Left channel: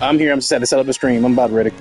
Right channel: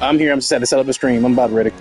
I'm here. I'm set to set up a stream. I'm about ready.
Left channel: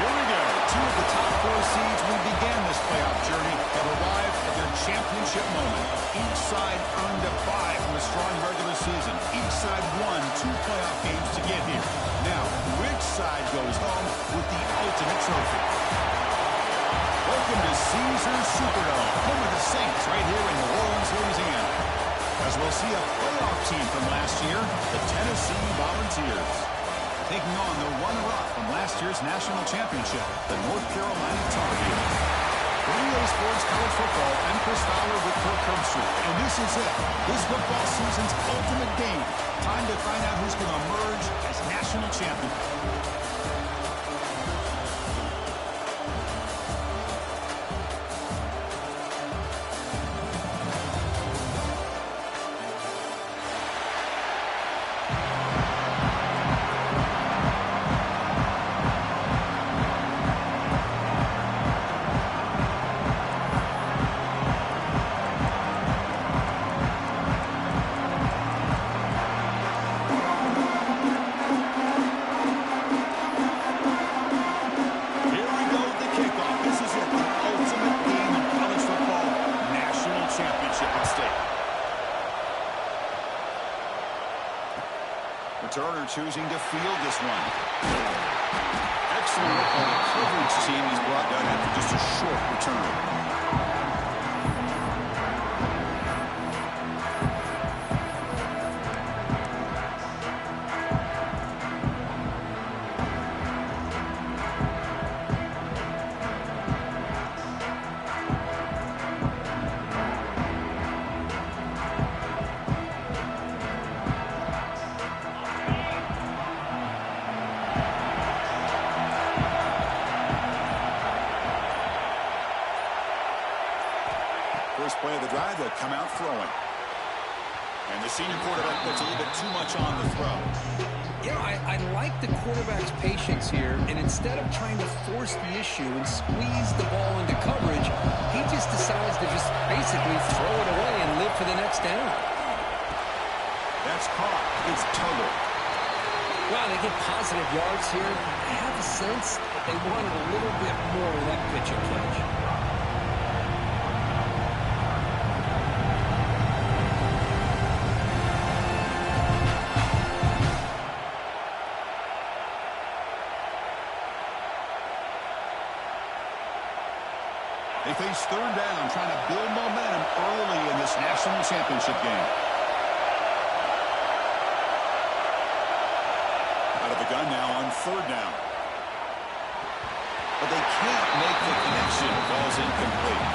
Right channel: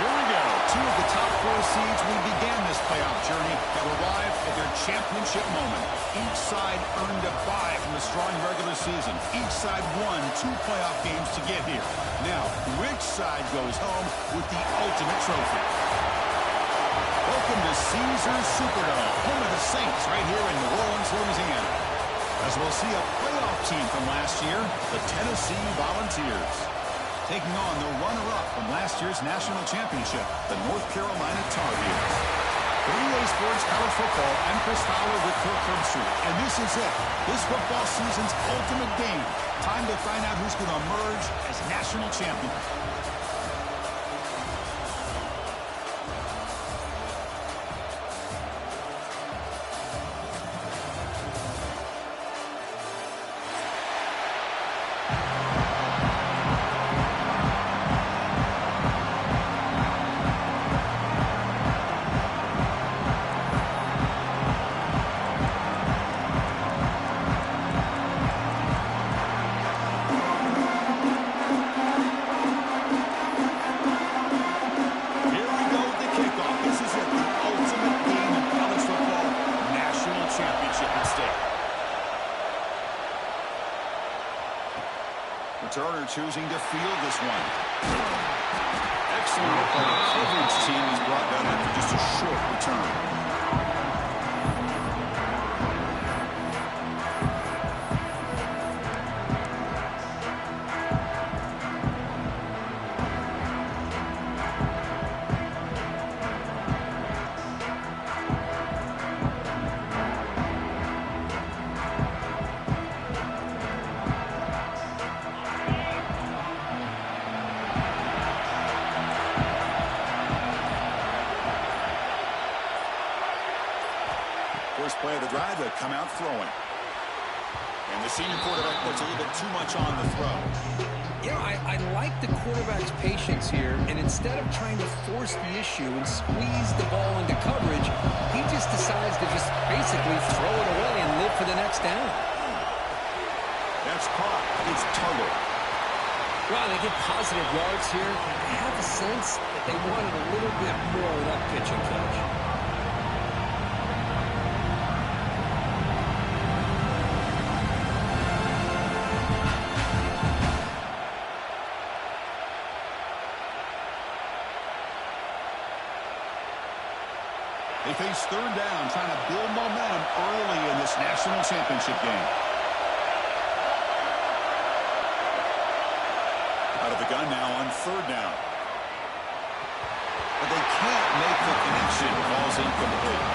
Here we go. Two of the top 4 seeds we began this playoff journey have arrived at their championship moment. Each side earned a bye from a strong regular season. Each side won 2 playoff games to get here. Now, which side goes home with the ultimate trophy? Welcome to Caesars Superdome, home of the Saints, right here in New Orleans, Louisiana. As we'll see a playoff team from last year, the Tennessee Volunteers, taking on the runner-up from last year's national championship, the North Carolina Tar Heels. For EA Sports College Football, I'm Chris Fowler with Kirk Herbstreit, and this is it. This football season's ultimate game. Time to find out who's going to emerge as national champion. Returner choosing to field this one. Excellent work by the coverage team. He's brought down after just a short return. First play of the drive, they'll come out throwing. And the senior quarterback puts a little bit too much on the throw. You know, I like the quarterback's patience here, and instead of trying to force the issue and squeeze the ball into coverage, he just decides to just basically throw it away and live for the next down. That's caught. It's Tuggle. Well, they get positive yards here. I have a sense that they wanted a little bit more of that pitch and catch. They face third down, trying to build momentum early in this national championship game. Out of the gun now on third down. But they can't make the connection. Ball's incomplete.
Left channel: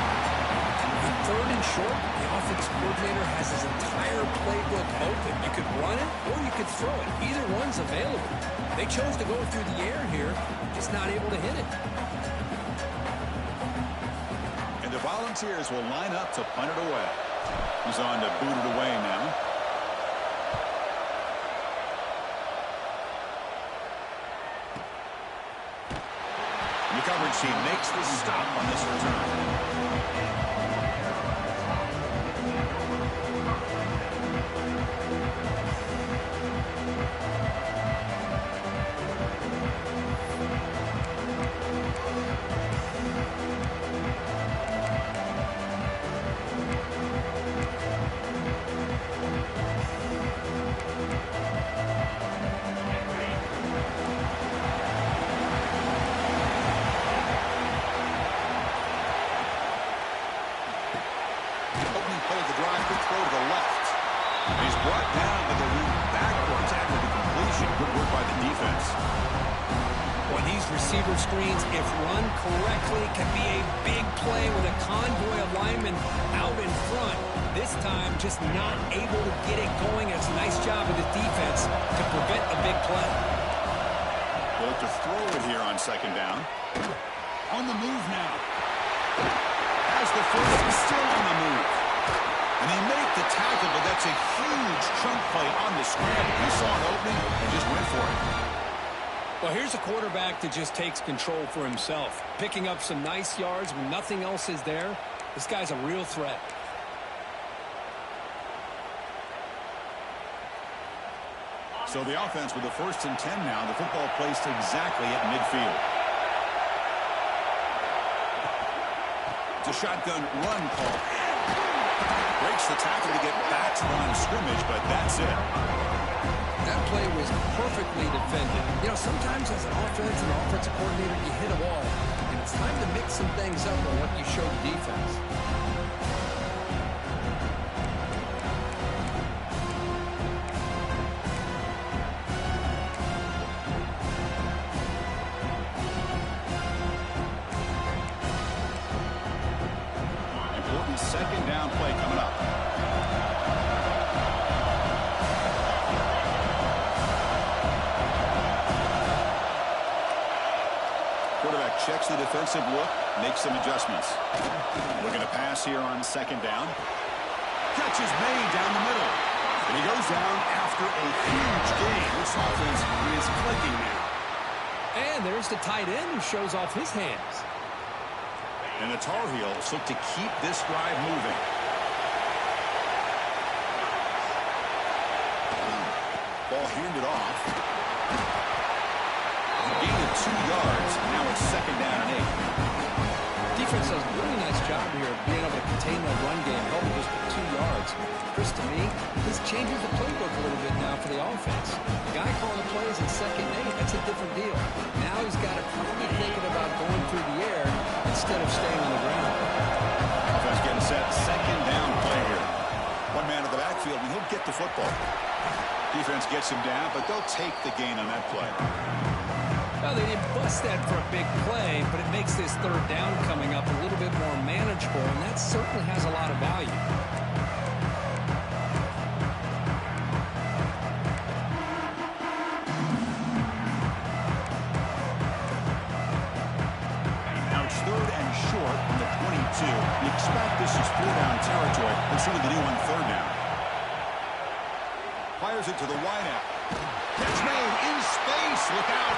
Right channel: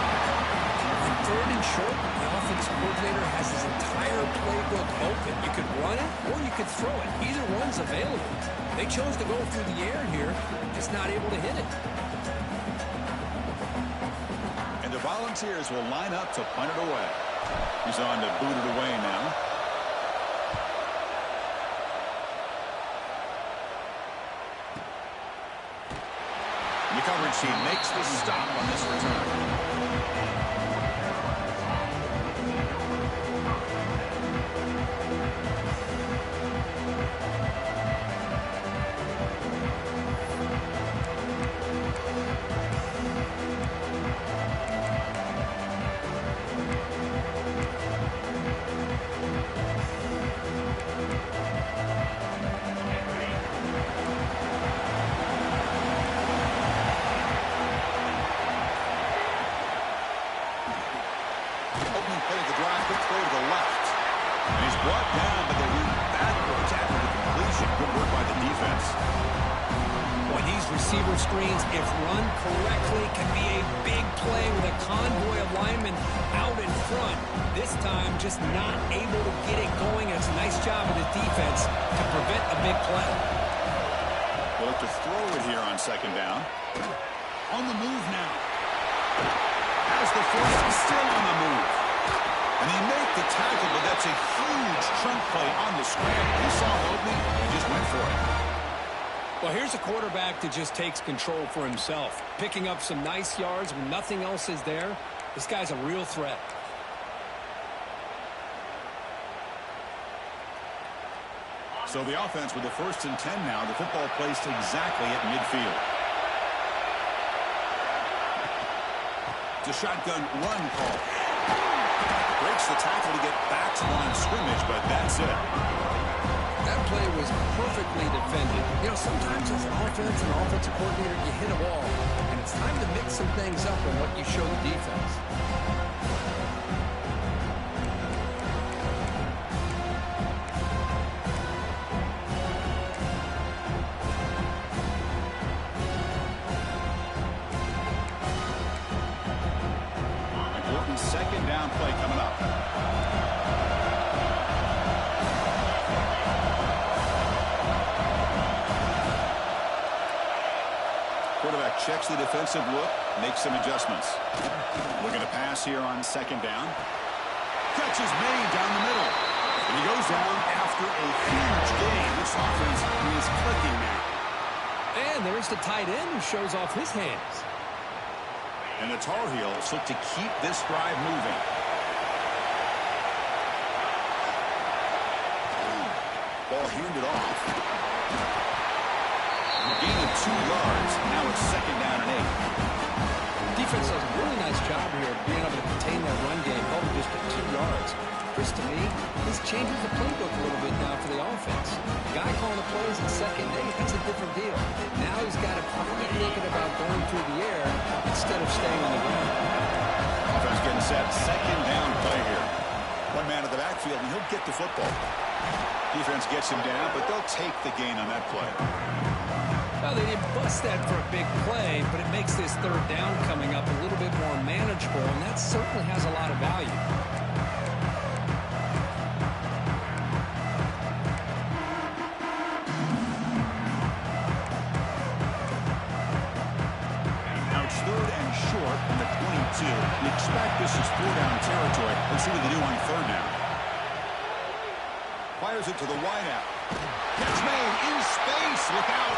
On third and short, the offense coordinator has his entire playbook open. You could run it or you could throw it. Either one's available. They chose to go through the air here, just not able to hit it. And the Volunteers will line up to punt it away. He's on to boot it away now. And the coverage team makes the stop on this return. Throw to the left. And he's brought down, but they went backwards after the completion. Good work by the defense. Boy, these receiver screens, if run correctly, can be a big play with a convoy of linemen out in front. This time, just not able to get it going. It's a nice job of the defense to prevent a big play. They'll look to throw it here on second down. On the move now. Has the first, still on the move. And they make the tackle, but that's a huge chunk play on the scramble. He saw an opening and just went for it. Well, here's a quarterback that just takes control for himself, picking up some nice yards when nothing else is there. This guy's a real threat. So the offense with the 1st and 10 now. The football placed exactly at midfield. It's a shotgun run call. Breaks the tackle to get back to the line of scrimmage, but that's it. That play was perfectly defended. You know, sometimes as an offense and offensive coordinator, you hit a wall, and it's time to mix some things up on what you show the defense. Important second down play coming up. Quarterback checks the defensive look, makes some adjustments. Looking to pass here on second down. Catch is made down the middle. And he goes down after a huge gain. This offense is clicking now. And there's the tight end who shows off his hands. And the Tar Heels look to keep this drive moving. Ball handed off. Gain of 2 yards. Now it's second down and 8. Defense does a really nice job here of being able to contain that run game, held just at 2 yards. Chris, to me, this changes the playbook a little bit now for the offense. The guy calling the plays in second and 8, that's a different deal. Now he's got to probably thinking about going through the air instead of staying on the ground. Offense getting set. Second down play here. One man in the backfield, and he'll get the football. Defense gets him down, but they'll take the gain on that play. Well, they didn't bust that for a big play, but it makes this third down coming up a little bit more manageable, and that certainly has a lot of value. Now it's third and short from the 22. You expect this is 4-down territory. Let's see what they do on third down. Fires it to the wideout. Catch made in space. Look out.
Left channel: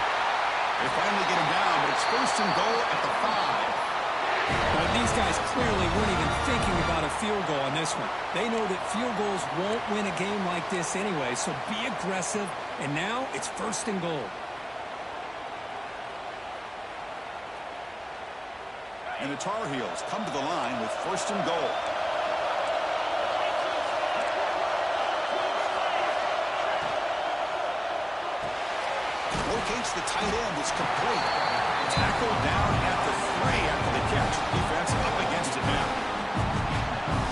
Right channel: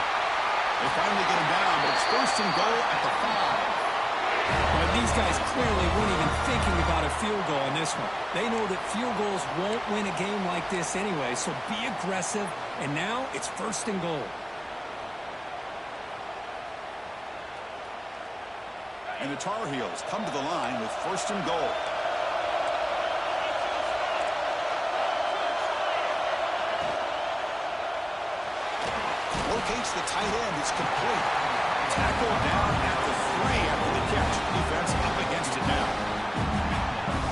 They finally get him down, but it's 1st and goal at the 5. But these guys clearly weren't even thinking about a field goal on this one. They know that field goals won't win a game like this anyway, so be aggressive. And now it's 1st and goal. And the Tar Heels come to the line with 1st and goal. Locates the tight end. It's complete. Tackled down at the 3 after the catch. Defense up against it now.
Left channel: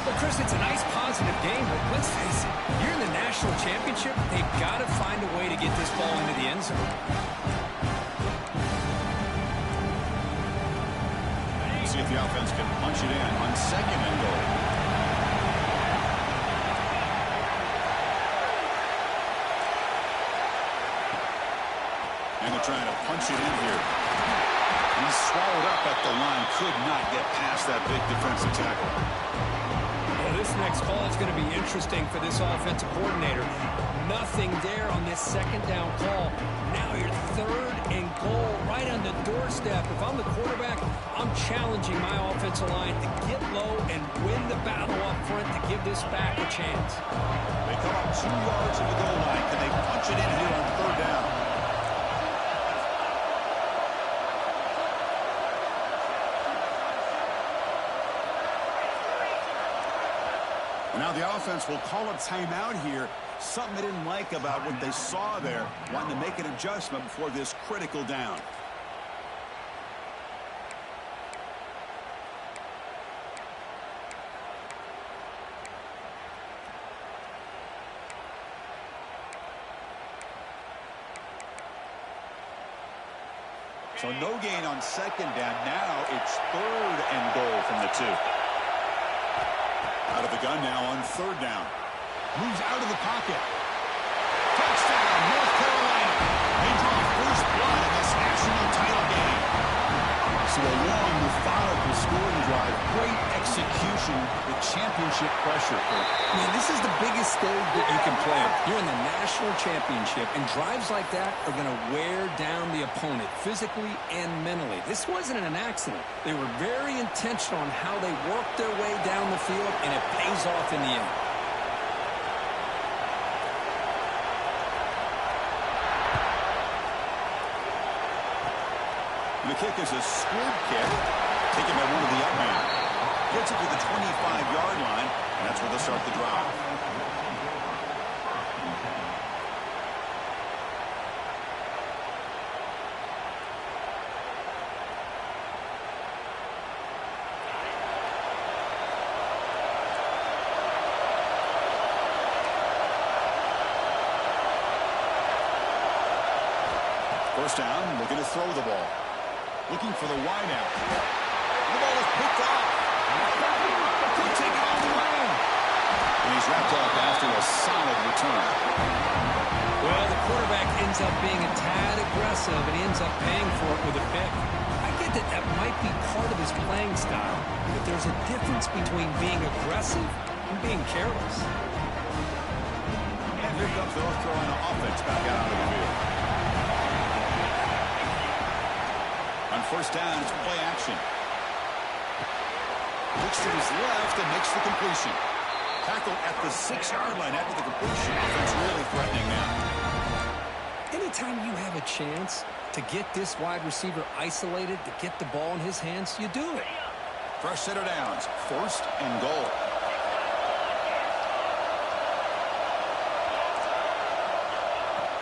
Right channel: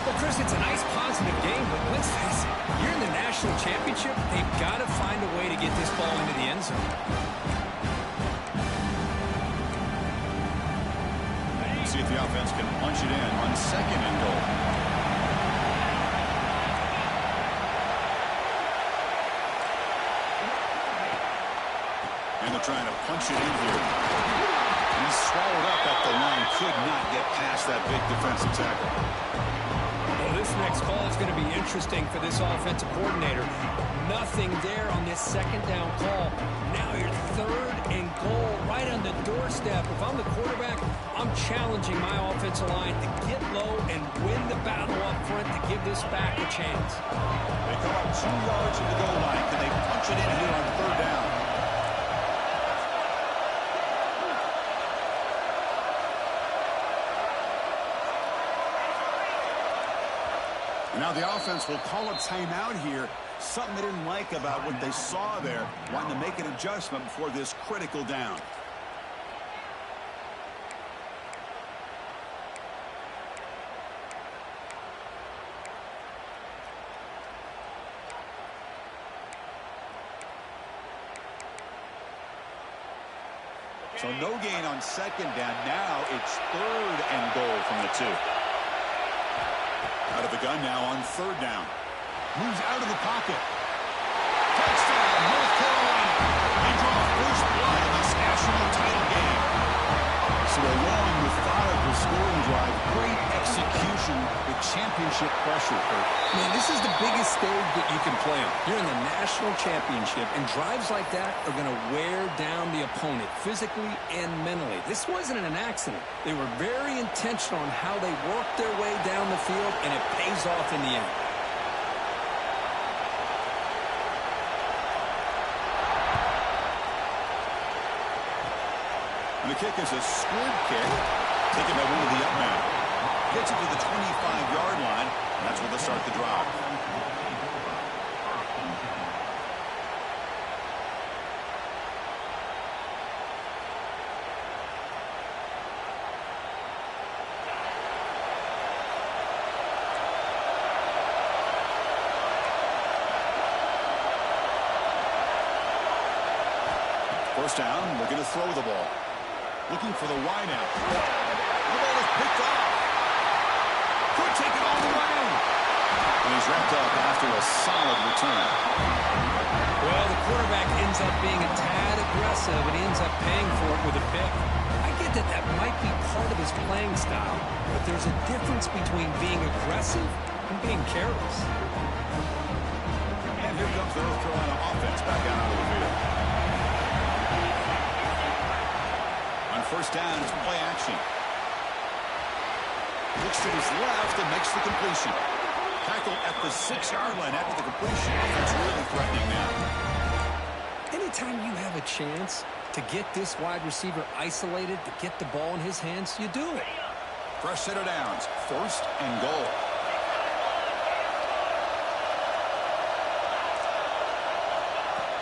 Well, Chris, it's a nice positive game, but let's face it, you're in the national championship. They've got to find a way to get this ball into the end zone. See if the offense can punch it in on second and goal. And they're trying to punch it in here. He's swallowed up at the line. Could not get past that big defensive tackle. Well, this next call is going to be interesting for this offensive coordinator. Nothing there on this second down call. Now you're 3rd and goal right on the doorstep. If I'm the quarterback, I'm challenging my offensive line to get low and win the battle up front to give this back a chance. They come up 2 yards to the goal line. Can they punch it in here on third down? Now the offense will call a timeout here. Something they didn't like about what they saw there. Wanting to make an adjustment before this critical down. So no gain on second down. Now it's 3rd and goal from the 2. Out of the gun now on 3rd down. Moves out of the pocket. Touchdown, North Carolina. They draw first blood in this national title game. So a long, methodical scoring drive. Great execution with championship pressure, Kurt. Man, this is the biggest stage that you can play on. You're in the national championship, and drives like that are going to wear down the opponent physically and mentally. This wasn't an accident. They were very intentional on how they worked their way down the field, and it pays off in the end. And the kick is a squib kick, taken by one of the up men. Gets it to the 25-yard line, and that's where they'll start the drive. First down, looking to throw the ball. Looking for the wideout. The ball is picked off. Could take it all the way. And he's wrapped up after a solid return. Well, the quarterback ends up being a tad aggressive, and he ends up paying for it with a pick. I get that that might be part of his playing style, but there's a difference between being aggressive and being careless. And here comes the North Carolina offense back out onto the field. On first down, it's play action. Looks to his left and makes the completion. Tackled at the 6-yard line after the completion. Offense really threatening now. Anytime you have a chance to get this wide receiver isolated, to get the ball in his hands, you do it. Fresh set of downs. 1st and goal.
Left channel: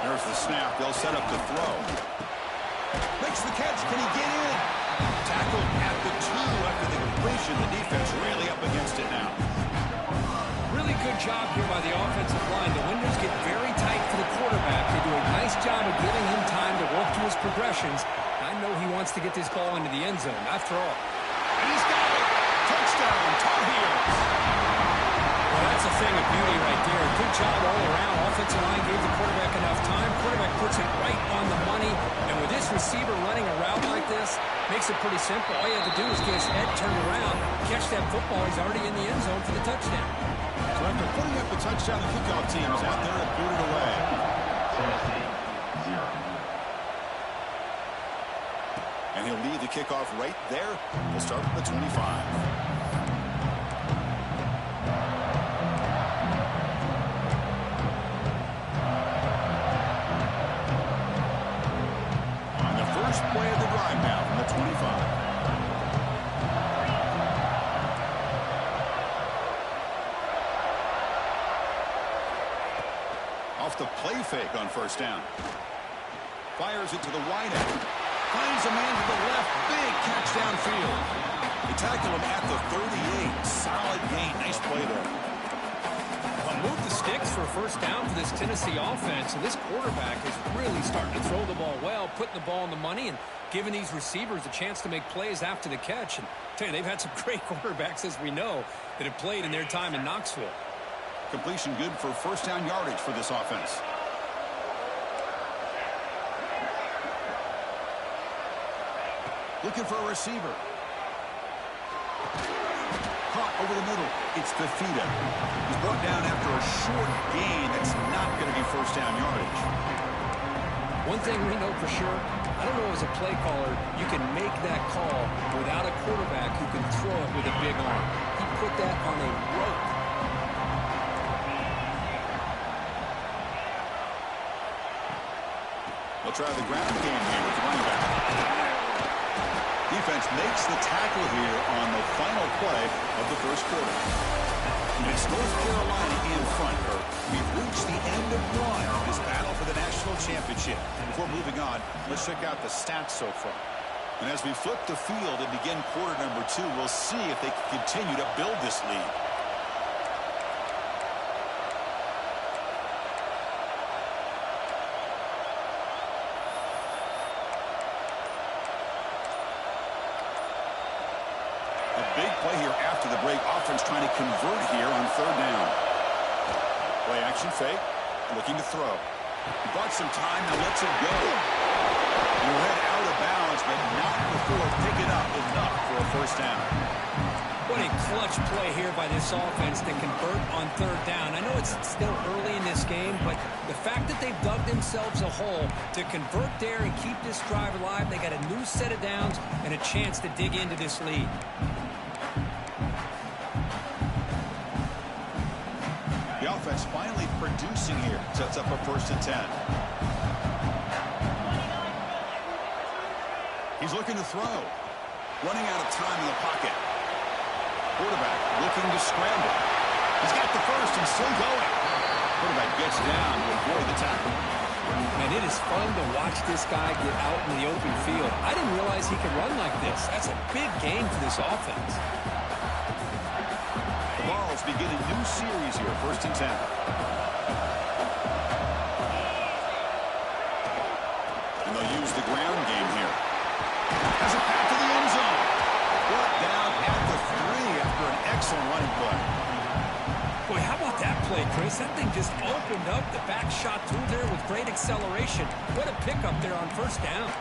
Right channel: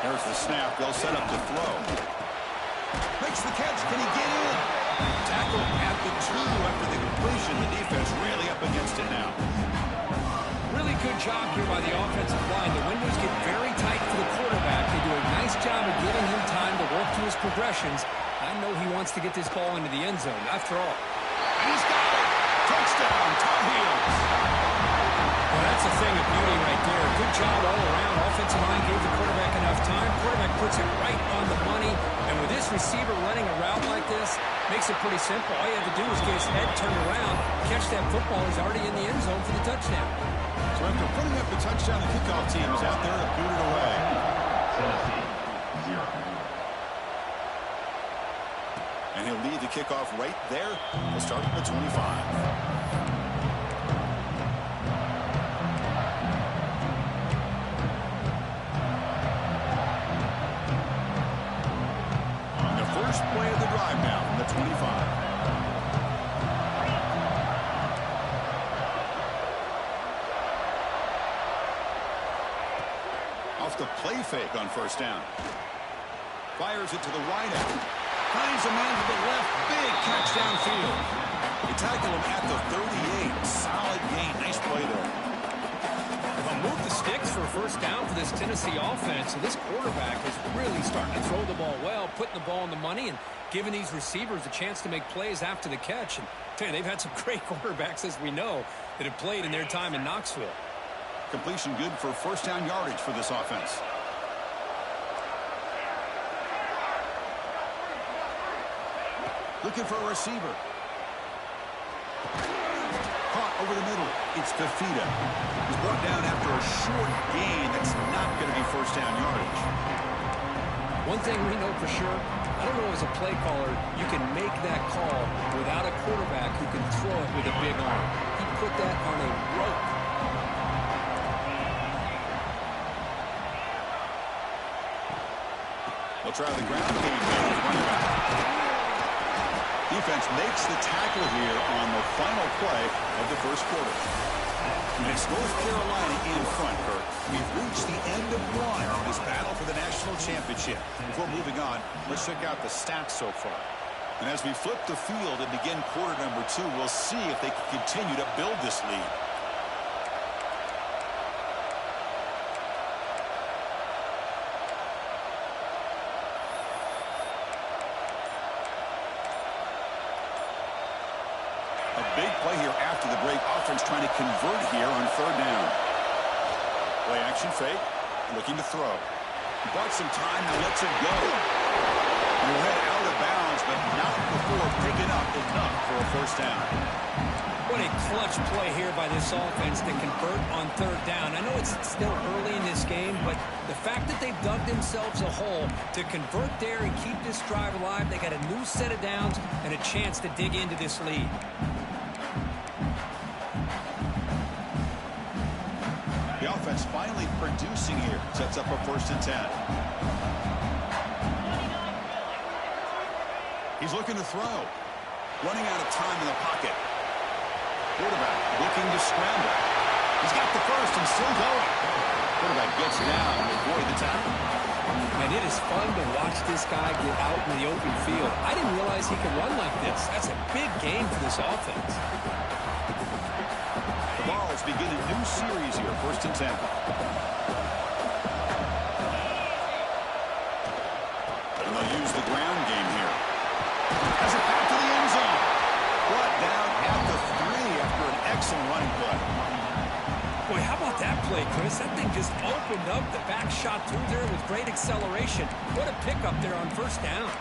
There's the snap. They'll set up to throw. Makes the catch. Can he get in? Tackled at the 2 after the completion. The defense really up against it now. Really good job here by the offensive line. The windows get very tight for the quarterback. They do a nice job of giving him time to work through his progressions. I know he wants to get this ball into the end zone, after all. And he's got it. Touchdown, Tar Heels. Well, that's a thing of beauty right there. Good job all around. Offensive line gave the quarterback enough time. Quarterback puts it right on the money. And with this receiver running a route like this, makes it pretty simple. All you have to do is get his head turned around, catch that football. He's already in the end zone for the touchdown. So after putting up the touchdown, the kickoff team is out there to boot it away. Tennessee, 0. And he'll lead the kickoff right there. We'll start at the 25. First play of the drive now from the 25. Off the play fake on first down. Fires it to the wideout. Finds a man to the left. Big catch downfield. They tackle him at the 38. Solid gain. Nice play there. Move the sticks for a first down for this Tennessee offense, and this quarterback is really starting to throw the ball well, putting the ball on the money, and giving these receivers a chance to make plays after the catch. And I tell you, they've had some great quarterbacks, as we know, that have played in their time in Knoxville. Completion good for first down yardage for this offense. Looking for a receiver. Caught over the middle. It's Fifita. He's brought down after a short gain. That's not going to be first down yardage. One thing we know for sure, I don't know as a play caller, you can make that call without a quarterback who can throw it with a big arm. He put that on a rope. They'll try the ground game here with running back. Defense makes the tackle here on the final play of the first quarter. And it's North Carolina in front, Kirk. We've reached the end of one in this battle for the national championship. Before moving on, let's check out the stats so far. And as we flip the field and begin quarter number 2, we'll see if they can continue to build this lead. Big play here after the break. Offense trying to convert here on third down. Play action fake. Looking to throw. He bought some time. Now lets it go. He'll head out of bounds, but not before picking up enough for a first down. What a clutch play here by this offense to convert on third down. I know it's still early in this game, but the fact that they've dug themselves a hole to convert there and keep this drive alive, they got a new set of downs and a chance to dig into this lead. The offense finally producing here. Sets up a 1st and 10. He's looking to throw. Running out of time in the pocket. Quarterback looking to scramble. He's got the first and still going. Quarterback gets down to avoid the tackle. And it is fun to watch this guy get out in the open field. I didn't realize he could run like this. That's a big game for this offense. The Vols begin a new series here. 1st and 10. And they'll use the ground game here. Has a path to the end zone. Brought down at the 3 after an excellent running play. Boy, how about that play, Chris? That thing just opened up. The back shot through there with great acceleration. What a pickup there on first down.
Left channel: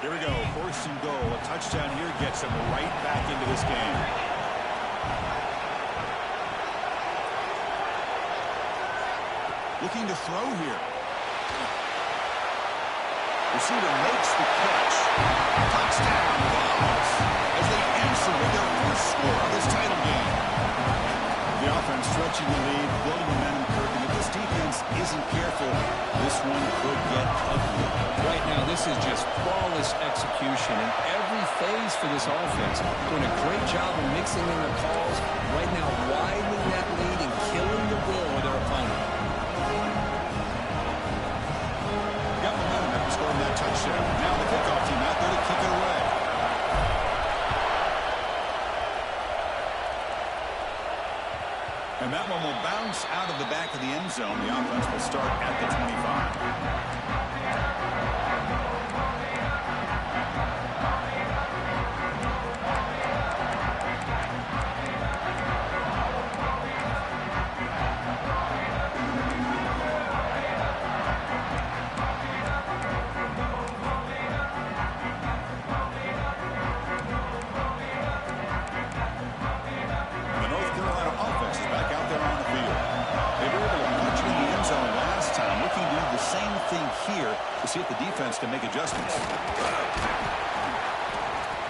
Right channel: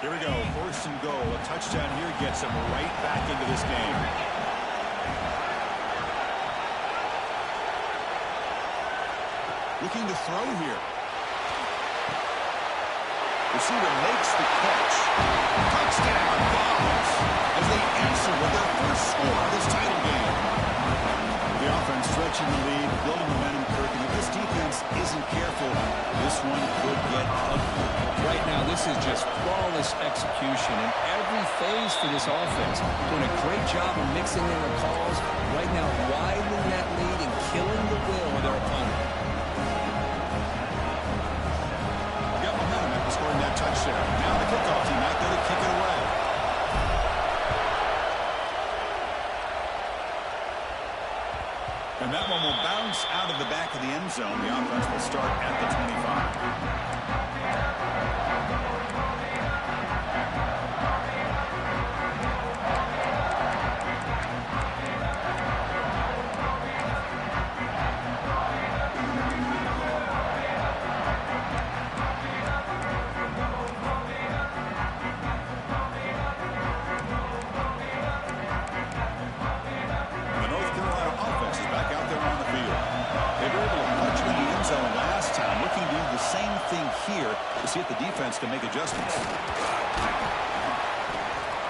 Here we go. 1st and goal. A touchdown here gets him right back into this game. Looking to throw here. Receiver makes the catch. Touchdown, Vols, as they answer with their first score of this title game. The offense stretching the lead, building momentum, Kirk, and if this defense isn't careful, this one could get ugly. Right now, this is just flawless execution in every phase for this offense. Doing a great job of mixing in their calls. Right now, widening that lead and killing the will of their opponent. Got momentum after scoring that touchdown. Now the kickoff team out there to kick it away. And that one will bounce out of the back of the end zone. The offense will start at the 25. Same thing here to see if the defense can make adjustments.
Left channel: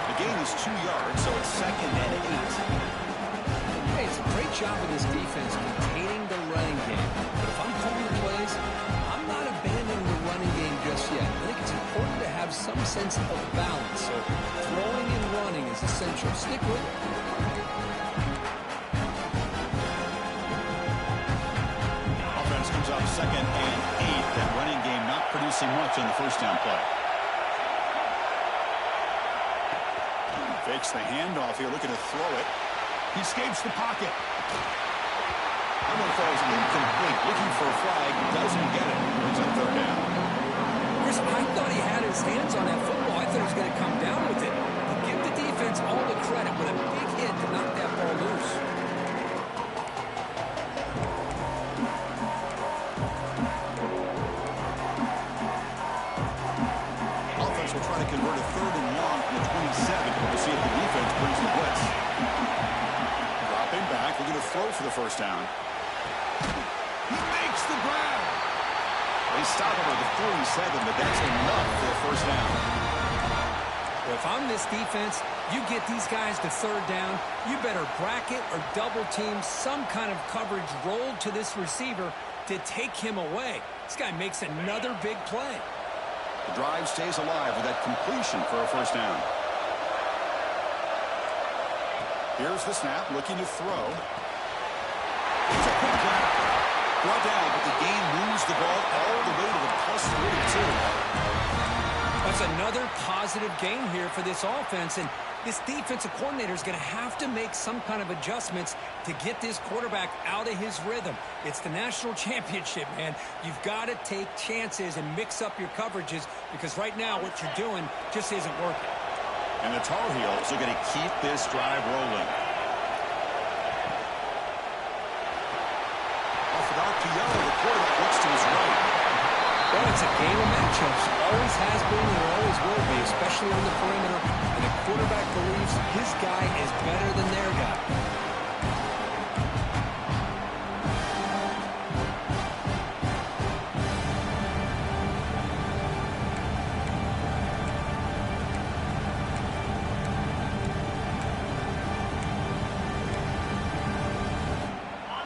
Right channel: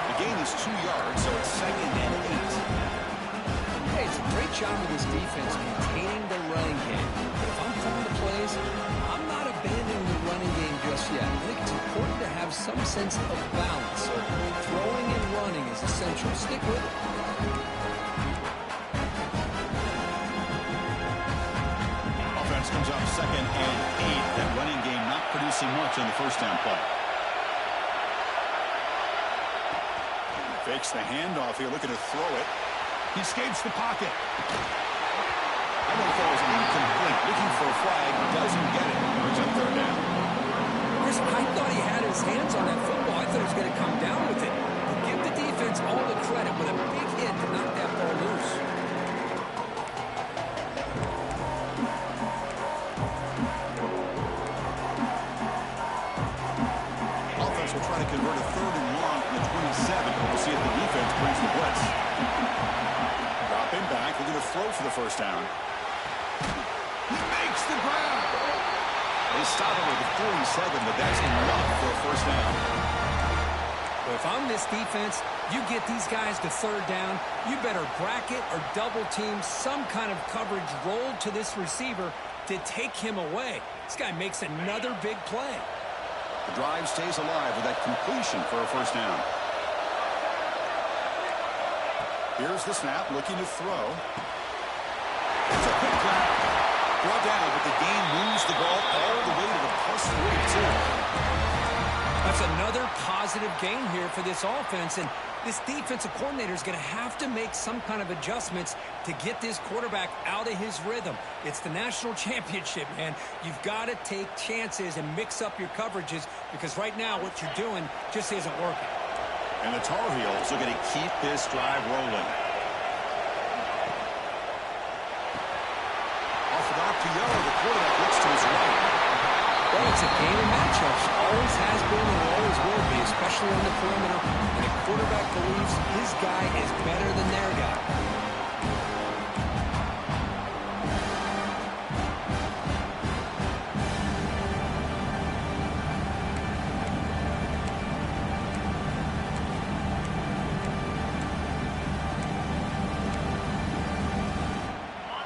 The gain is 2 yards, so it's 2nd and 8. Hey, it's a great job of this defense containing the running game. But if I'm calling the plays, I'm not abandoning the running game just yet. I think it's important to have some sense of balance. So throwing and running is essential. Stick with it. Comes up 2nd and 8. That running game not producing much on the first down play. Fakes the handoff here, looking to throw it. He escapes the pocket. That one falls incomplete. Looking for a flag, doesn't get it. Brings up 3rd down. Chris, I thought he had his hands on that football. I thought he was going to come down with it. But give the defense all the credit with a big hit to knock that ball loose. Will try to convert a 3rd and long from the 27. We'll see if the defense brings the blitz. Dropping back, looking to throw for the first down. He makes the grab. They stop him at the 47, but that's enough for a first down. Well, if I'm this defense, you get these guys to 3rd down, you better bracket or double team some kind of coverage rolled to this receiver to take him away. This guy makes another big play. The drive stays alive with that completion for a first down. Here's the snap, looking to throw. It's a quick grab. Brought down, but the gain moves the ball all the way to the +42. That's another positive gain here for this offense, and this defensive coordinator is going to have to make some kind of adjustments to get this quarterback out of his rhythm. It's the national championship, man. You've got to take chances and mix up your coverages because right now what you're doing just isn't working. And the Tar Heels are going to keep this drive rolling. Off an RPO, the quarterback looks to his right. Well, it's a game of matchups. Always has been and it always will be, especially on the perimeter. And the quarterback believes his guy is better than their guy.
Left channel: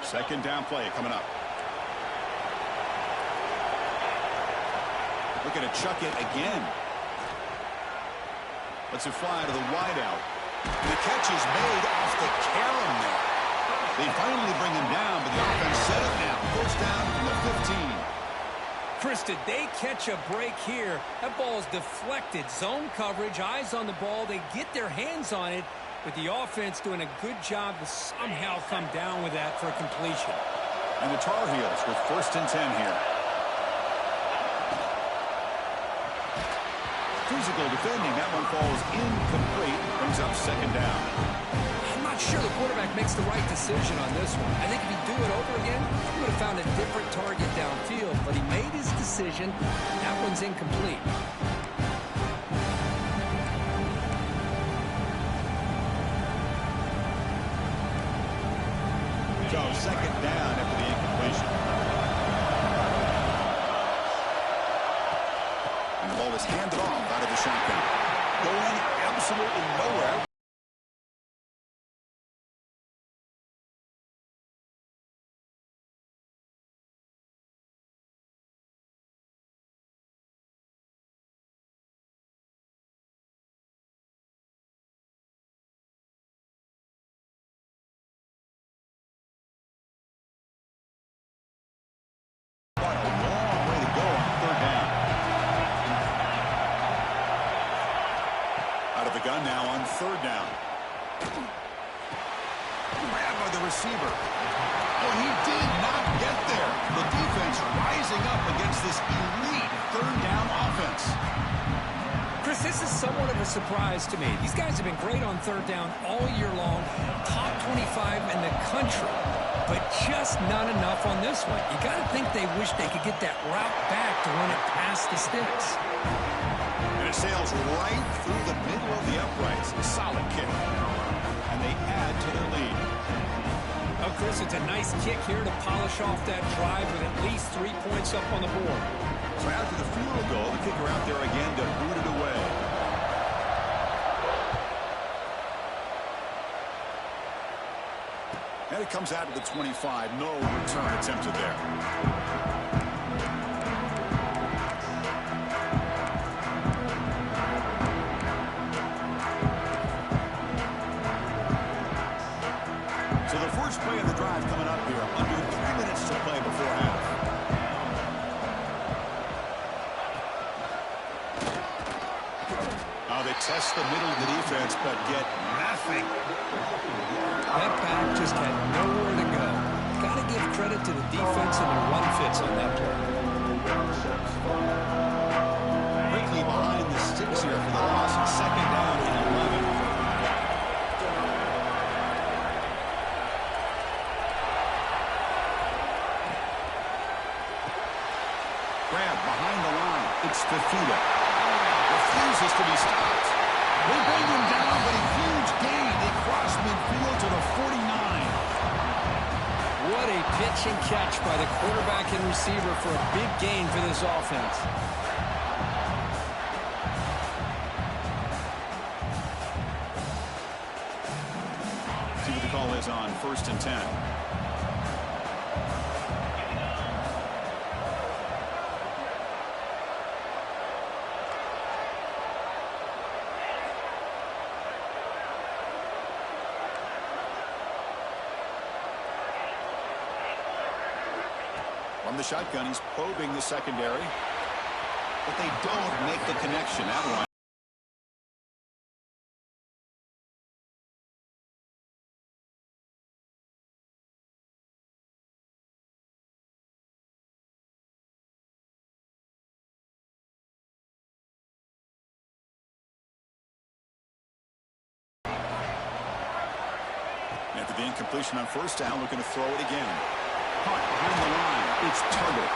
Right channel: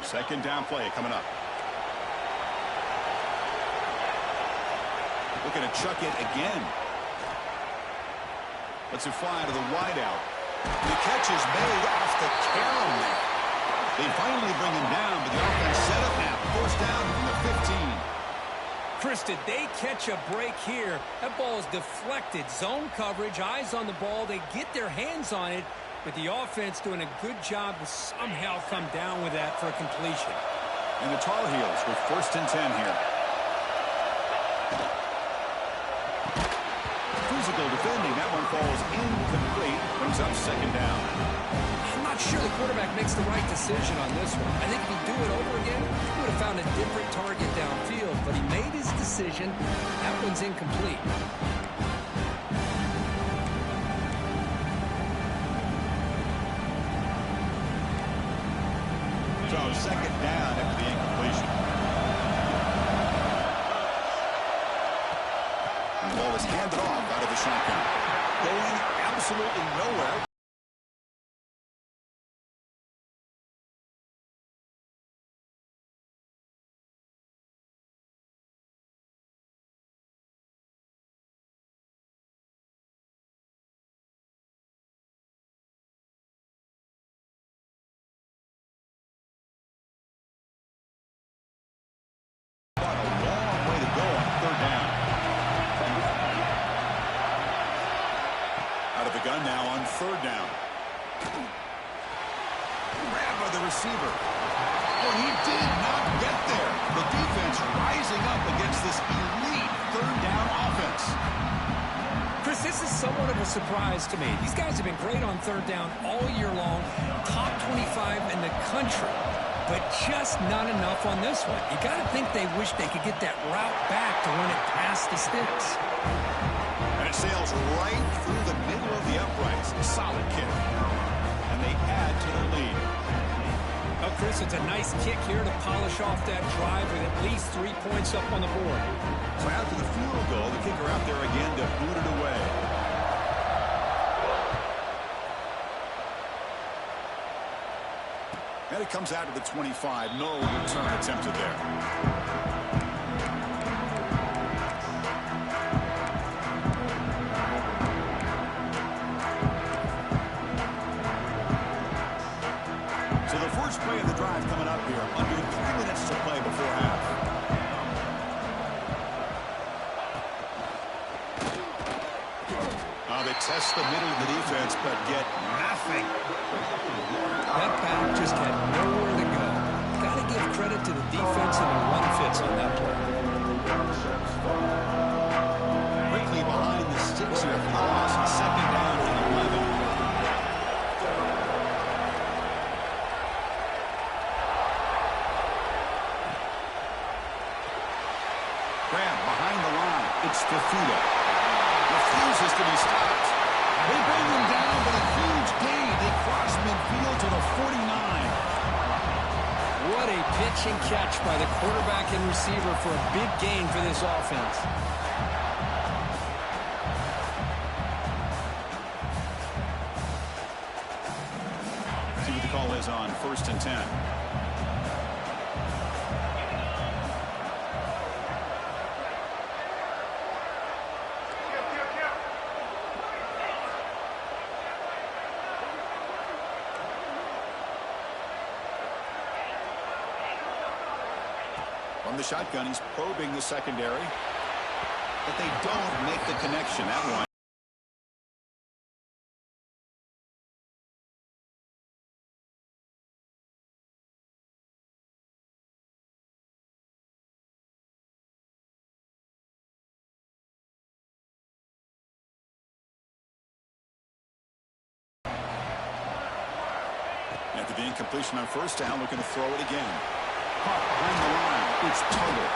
Second down play coming up. Looking to chuck it again. Lets it fly to the wideout. The catch is made off the carom there. They finally bring him down, but the offense set up now. First down from the 15. Chris, did they catch a break here? That ball is deflected. Zone coverage, eyes on the ball. They get their hands on it, but the offense doing a good job to somehow come down with that for a completion. And the Tar Heels with first and 10 here. Physical defending. That one falls incomplete. Brings up second down. I'm not sure the quarterback makes the right decision on this one. I think if he'd do it over again, he would have found a different target downfield, but he made his decision. That one's incomplete. So second down after the incompletion. And the ball is handed off out of the shotgun. Going absolutely nowhere. What a long way to go on third down. Out of the gun now on third down. Grabbed by the receiver. Oh, he did not get there. The defense rising up against this elite third down offense. Chris, this is somewhat of a surprise to me. These guys have been great on third down all year long. Top 25 in the country, but just not enough on this one. You got to think they wish they could get that route back to run it past the sticks. And it sails right through the middle of the uprights. Solid kick. And they add to their lead. Oh, Chris, it's a nice kick here to polish off that drive with at least 3 points up on the board. So after the field goal, the kicker out there again to boot it away. And it comes out to the 25. No return attempted there. So the first play of the drive coming up here. Under 3 minutes to play before half. They test the middle of the defense, but get nothing. That back just had nowhere to go. Got to give credit to the defense and their run fits on that play. Quickly behind the sticks here for the loss. Second down and 11. Grab behind the line. It's Fifita. Refuses to be stopped. They bring him down, but a huge gain. They cross midfield to the 49. What a pitch and catch by the quarterback and receiver for a big gain for this offense. See what the call is on first and 10. From the shotgun, he's probing the secondary. but they don't make the connection. That one. After the incompletion on first down, looking to throw it again. Caught behind the line. It's Tuttle.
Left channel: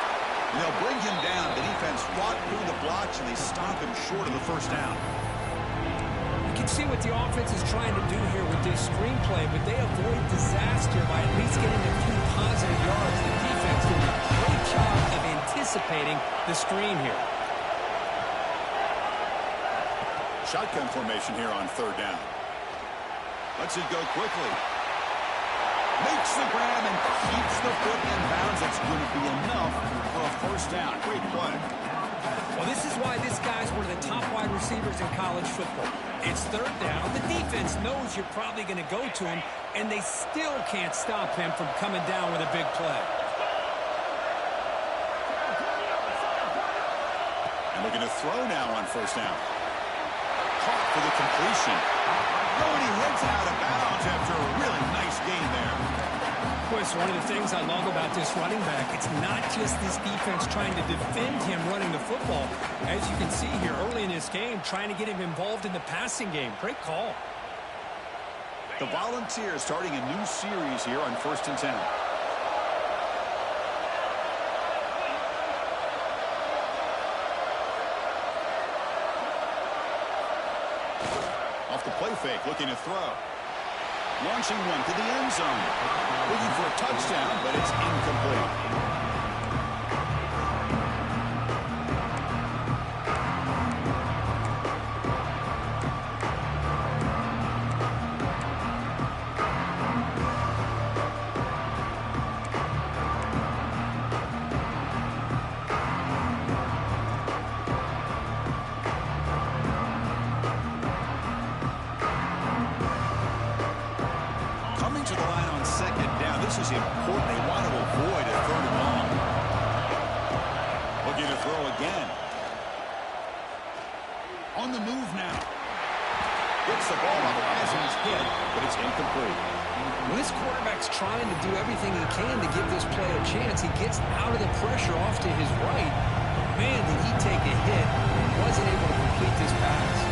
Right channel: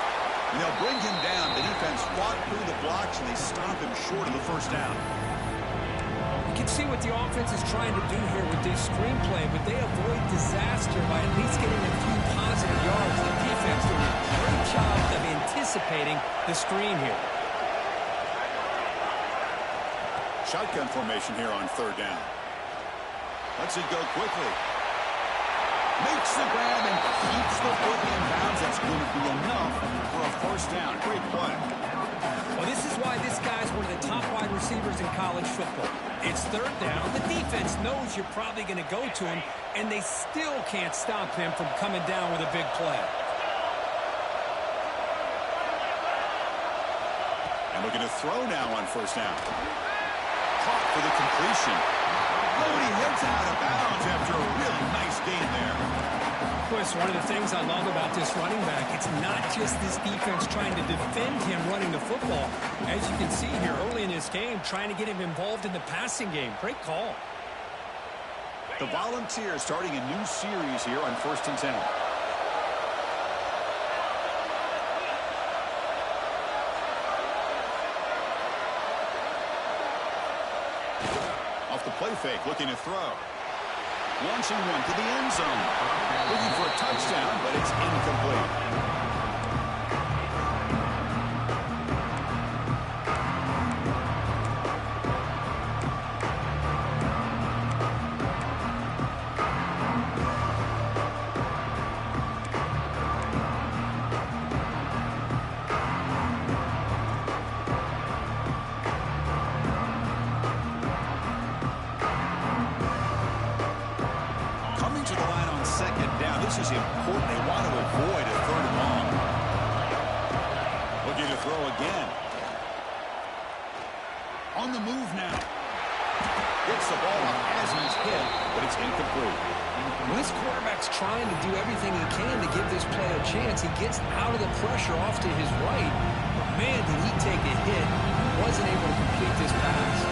And they'll bring him down. The defense fought through the blocks, and they stop him short of the first down. You can see what the offense is trying to do here with this screenplay, but they avoid disaster by at least getting a few positive yards. The defense doing a great job of anticipating the screen here. Shotgun formation here on third down. Lets it go quickly. Makes the grab and keeps the foot in bounds. That's going to be enough for a first down. Great play. Well, this is why this guy's one of the top wide receivers in college football. It's third down. The defense knows you're probably going to go to him, and they still can't stop him from coming down with a big play. And looking to throw now on first down. Caught for the completion. Oh, and he heads out of bounds after a really nice gain there. Chris, one of the things I love about this running back, it's not just this defense trying to defend him running the football. As you can see here early in this game, trying to get him involved in the passing game. Great call. The Volunteers starting a new series here on 1st and 10. Off the play fake, looking to throw. Launching one to the end zone. Looking for a touchdown, but it's incomplete. Coming to the line on second down. This is important. They want to avoid a third and long. Looking to throw again. On the move now. Gets the ball up as he's hit, but it's incomplete. Well, this quarterback's trying to do everything he can to give this play a chance. He gets out of the pressure off to his right. But man, did he take a hit and wasn't able to complete this pass.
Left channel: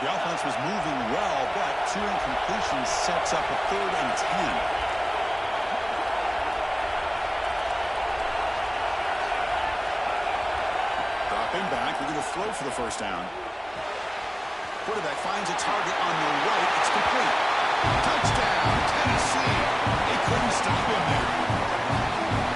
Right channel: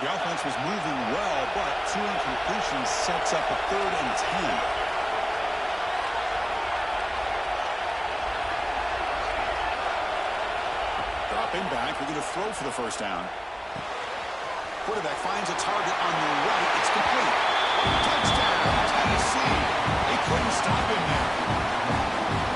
The offense was moving well, but 2 incompletions sets up a 3rd and 10. Dropping back, we're going to throw for the first down. Quarterback finds a target on the right. It's complete. Touchdown, Tennessee. They couldn't stop him there.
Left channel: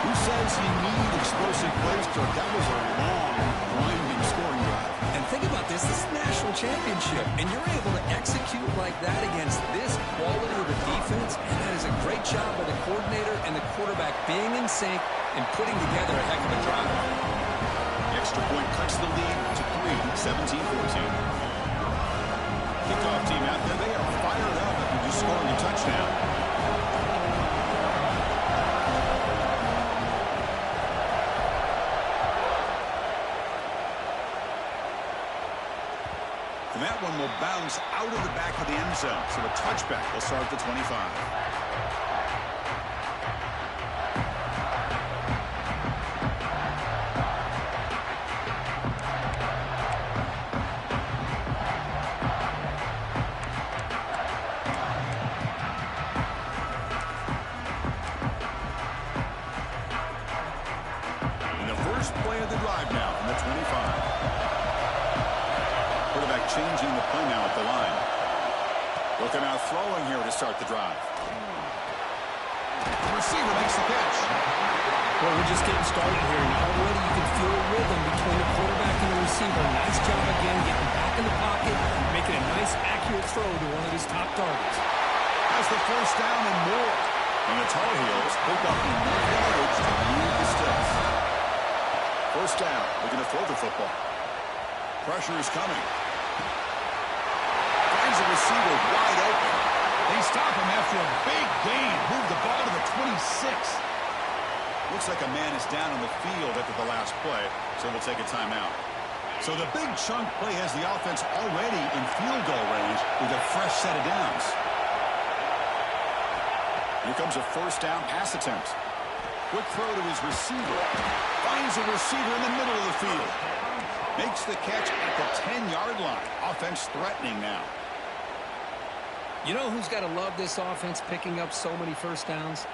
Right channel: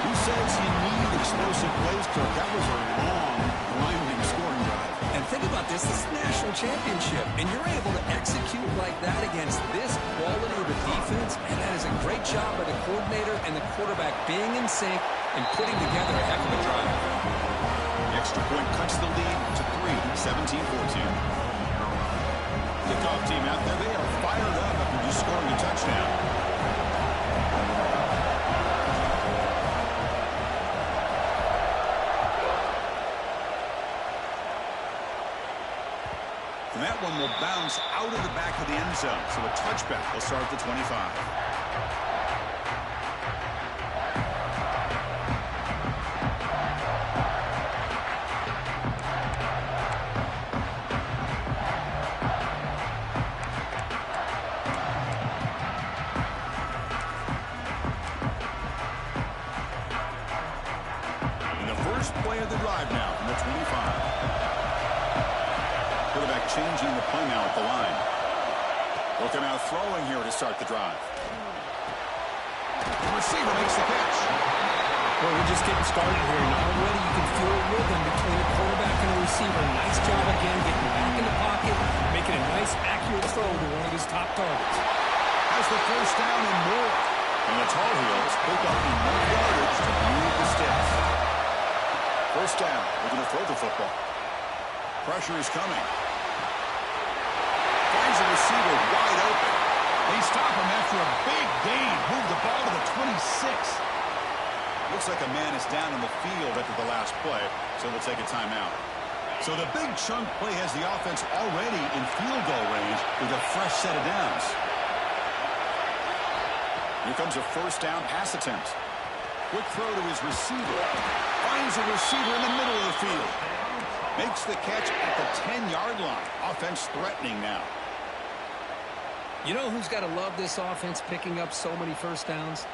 Who says you need explosive plays, Kirk? That was a long, grinding scoring drive. And think about this is national championship, and you're able to execute like that against this quality of a defense, and that is a great job by the coordinator and the quarterback being in sync and putting together a heck of a drive. The extra point cuts the lead to 3, 17-14. Kickoff team out there, they are fired up after just scoring a touchdown. And that one will bounce out of the back of the end zone. So a touchback will start at the 25. And the first play of the drive now from the 25. Quarterback changing the play now at the line. Looking out throwing here to start the drive. The receiver makes the catch. Well, we're just getting started here, and already you can feel a rhythm between the quarterback and the receiver. Nice job again getting back in the pocket, making a nice, accurate throw to one of his top targets. Has the first down and more. And the Tar Heels pick up enough yardage to move the sticks. First down. Looking to throw the football. Pressure is coming. Finds the receiver wide open. They stop him after a big gain. Move the ball to the 26. Looks like a man is down on the field after the last play, so they'll take a timeout. So the big chunk play has the offense already in field goal range with a fresh set of downs. Here comes a first down pass attempt. Quick throw to his receiver. Finds a receiver in the middle of the field. Makes the catch at the 10-yard line. Offense threatening now. You know who's got to love this offense picking up so many first downs?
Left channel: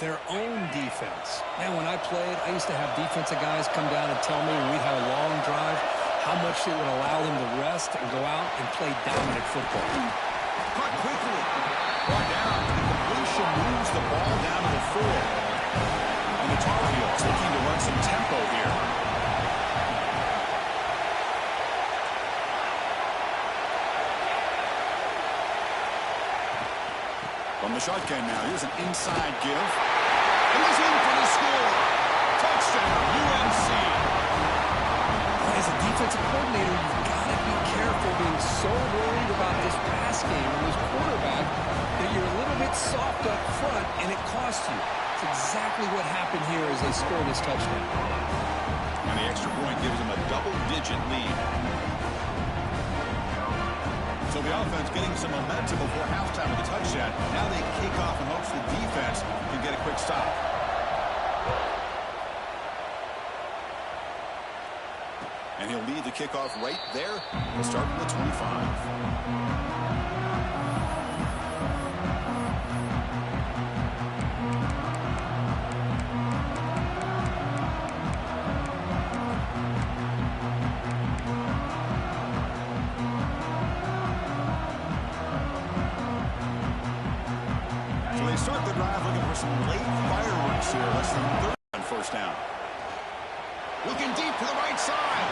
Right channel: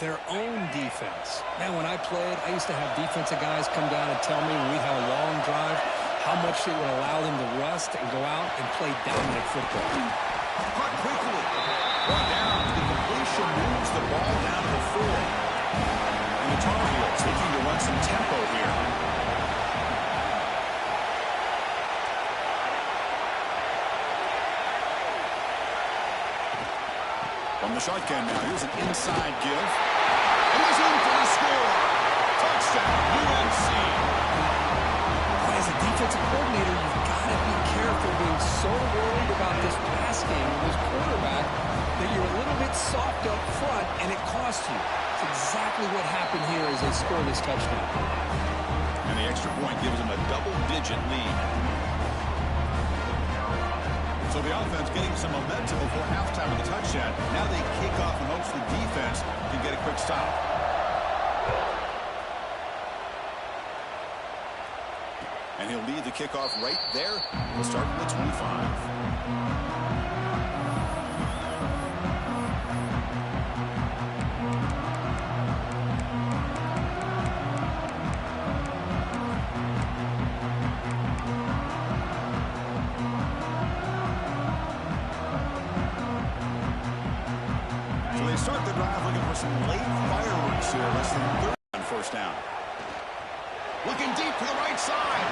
Their own defense. Man, when I played, I used to have defensive guys come down and tell me when we'd have a long drive how much it would allow them to rest and go out and play dominant football. Caught quickly. Brought down. The completion moves the ball down to the 4. And the Tar Heels looking to run some tempo here. From the shotgun now, here's an inside give. And he's in for the score. Touchdown, UNC. As a defensive coordinator, you've got to be careful being so worried about this pass game and this quarterback that you're a little bit soft up front and it costs you. It's exactly what happened here as they score this touchdown. And the extra point gives them a double-digit lead. So the offense getting some momentum before halftime with the touchdown. Now they kick off in hopes the defense can get a quick stop. And he'll lead the kickoff right there. He'll start from the 25. Start the drive looking for some late fireworks here. Less than 30 on first down. Looking deep to the right side.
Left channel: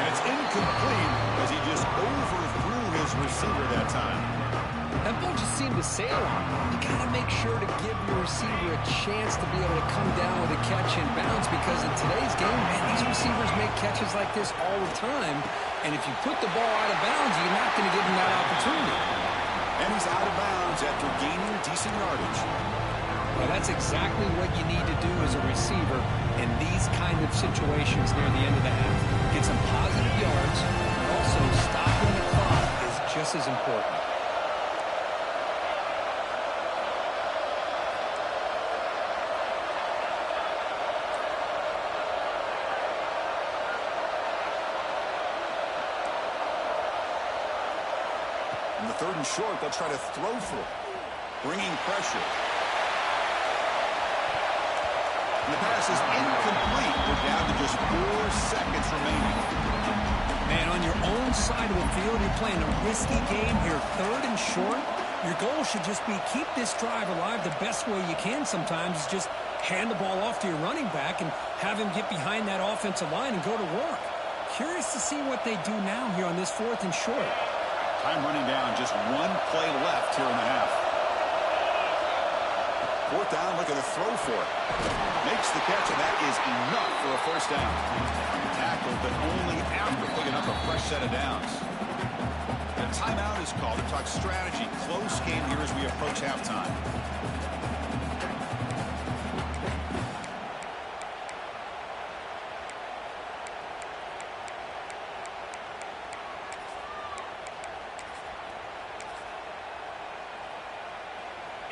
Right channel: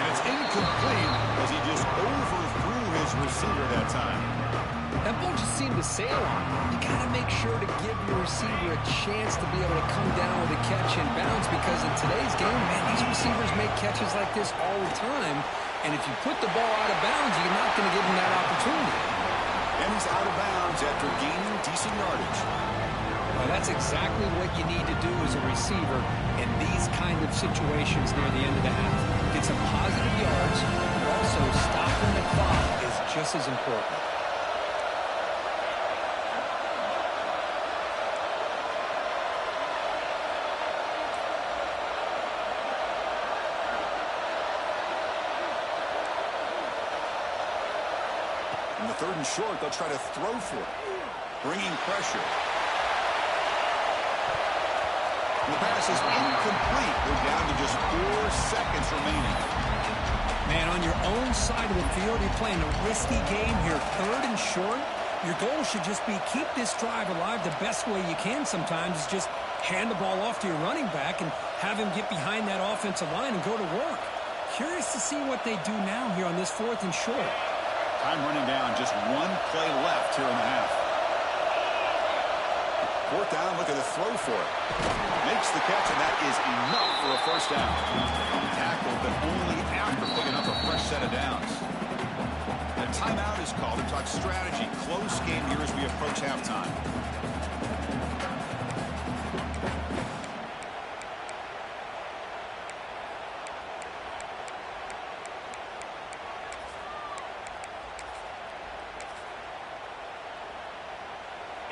And it's incomplete as he just overthrew his receiver that time. That ball just seemed to sail on. You got to make sure to give your receiver a chance to be able to come down with a catch and bounce because in today's game, man, these receivers make catches like this all the time. And if you put the ball out of bounds, you're not going to give them that opportunity. And he's out of bounds after gaining decent yardage. Well, that's exactly what you need to do as a receiver in these kind of situations near the end of the half. Get some positive yards, but also stopping the clock is just as important. In the 3rd and short, they'll try to throw for it. Bringing pressure. And the pass is incomplete. We're down to just 4 seconds remaining. Man, on your own side of the field, you're playing a risky game here. 3rd and short. Your goal should just be keep this drive alive the best way you can sometimes is just hand the ball off to your running back and have him get behind that offensive line and go to work. Curious to see what they do now here on this 4th and short. Time running down, just 1 play left here in the half. 4th down, looking to throw for it. Makes the catch, and that is enough for a first down. Tackled, but only after picking up a fresh set of downs. And a timeout is called to talk strategy. Close game here as we approach halftime.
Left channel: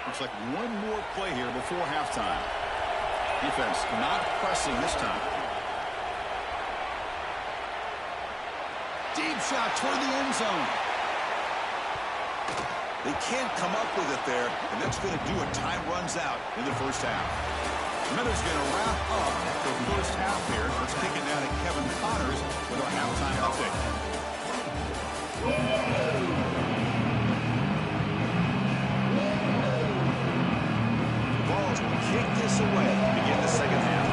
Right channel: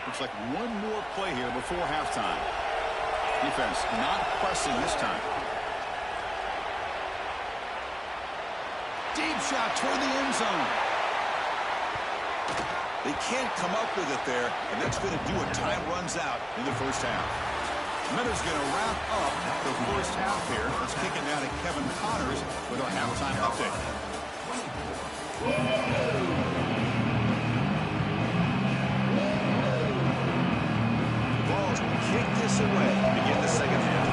Looks like 1 more play here before halftime. Defense not pressing this time. Deep shot toward the end zone. They can't come up with it there, and that's going to do it. Time runs out in the first half. Minutes going to wrap up the first half here. Let's kick it down to Kevin Connors with our halftime update. Vols will kick this away to begin the second half.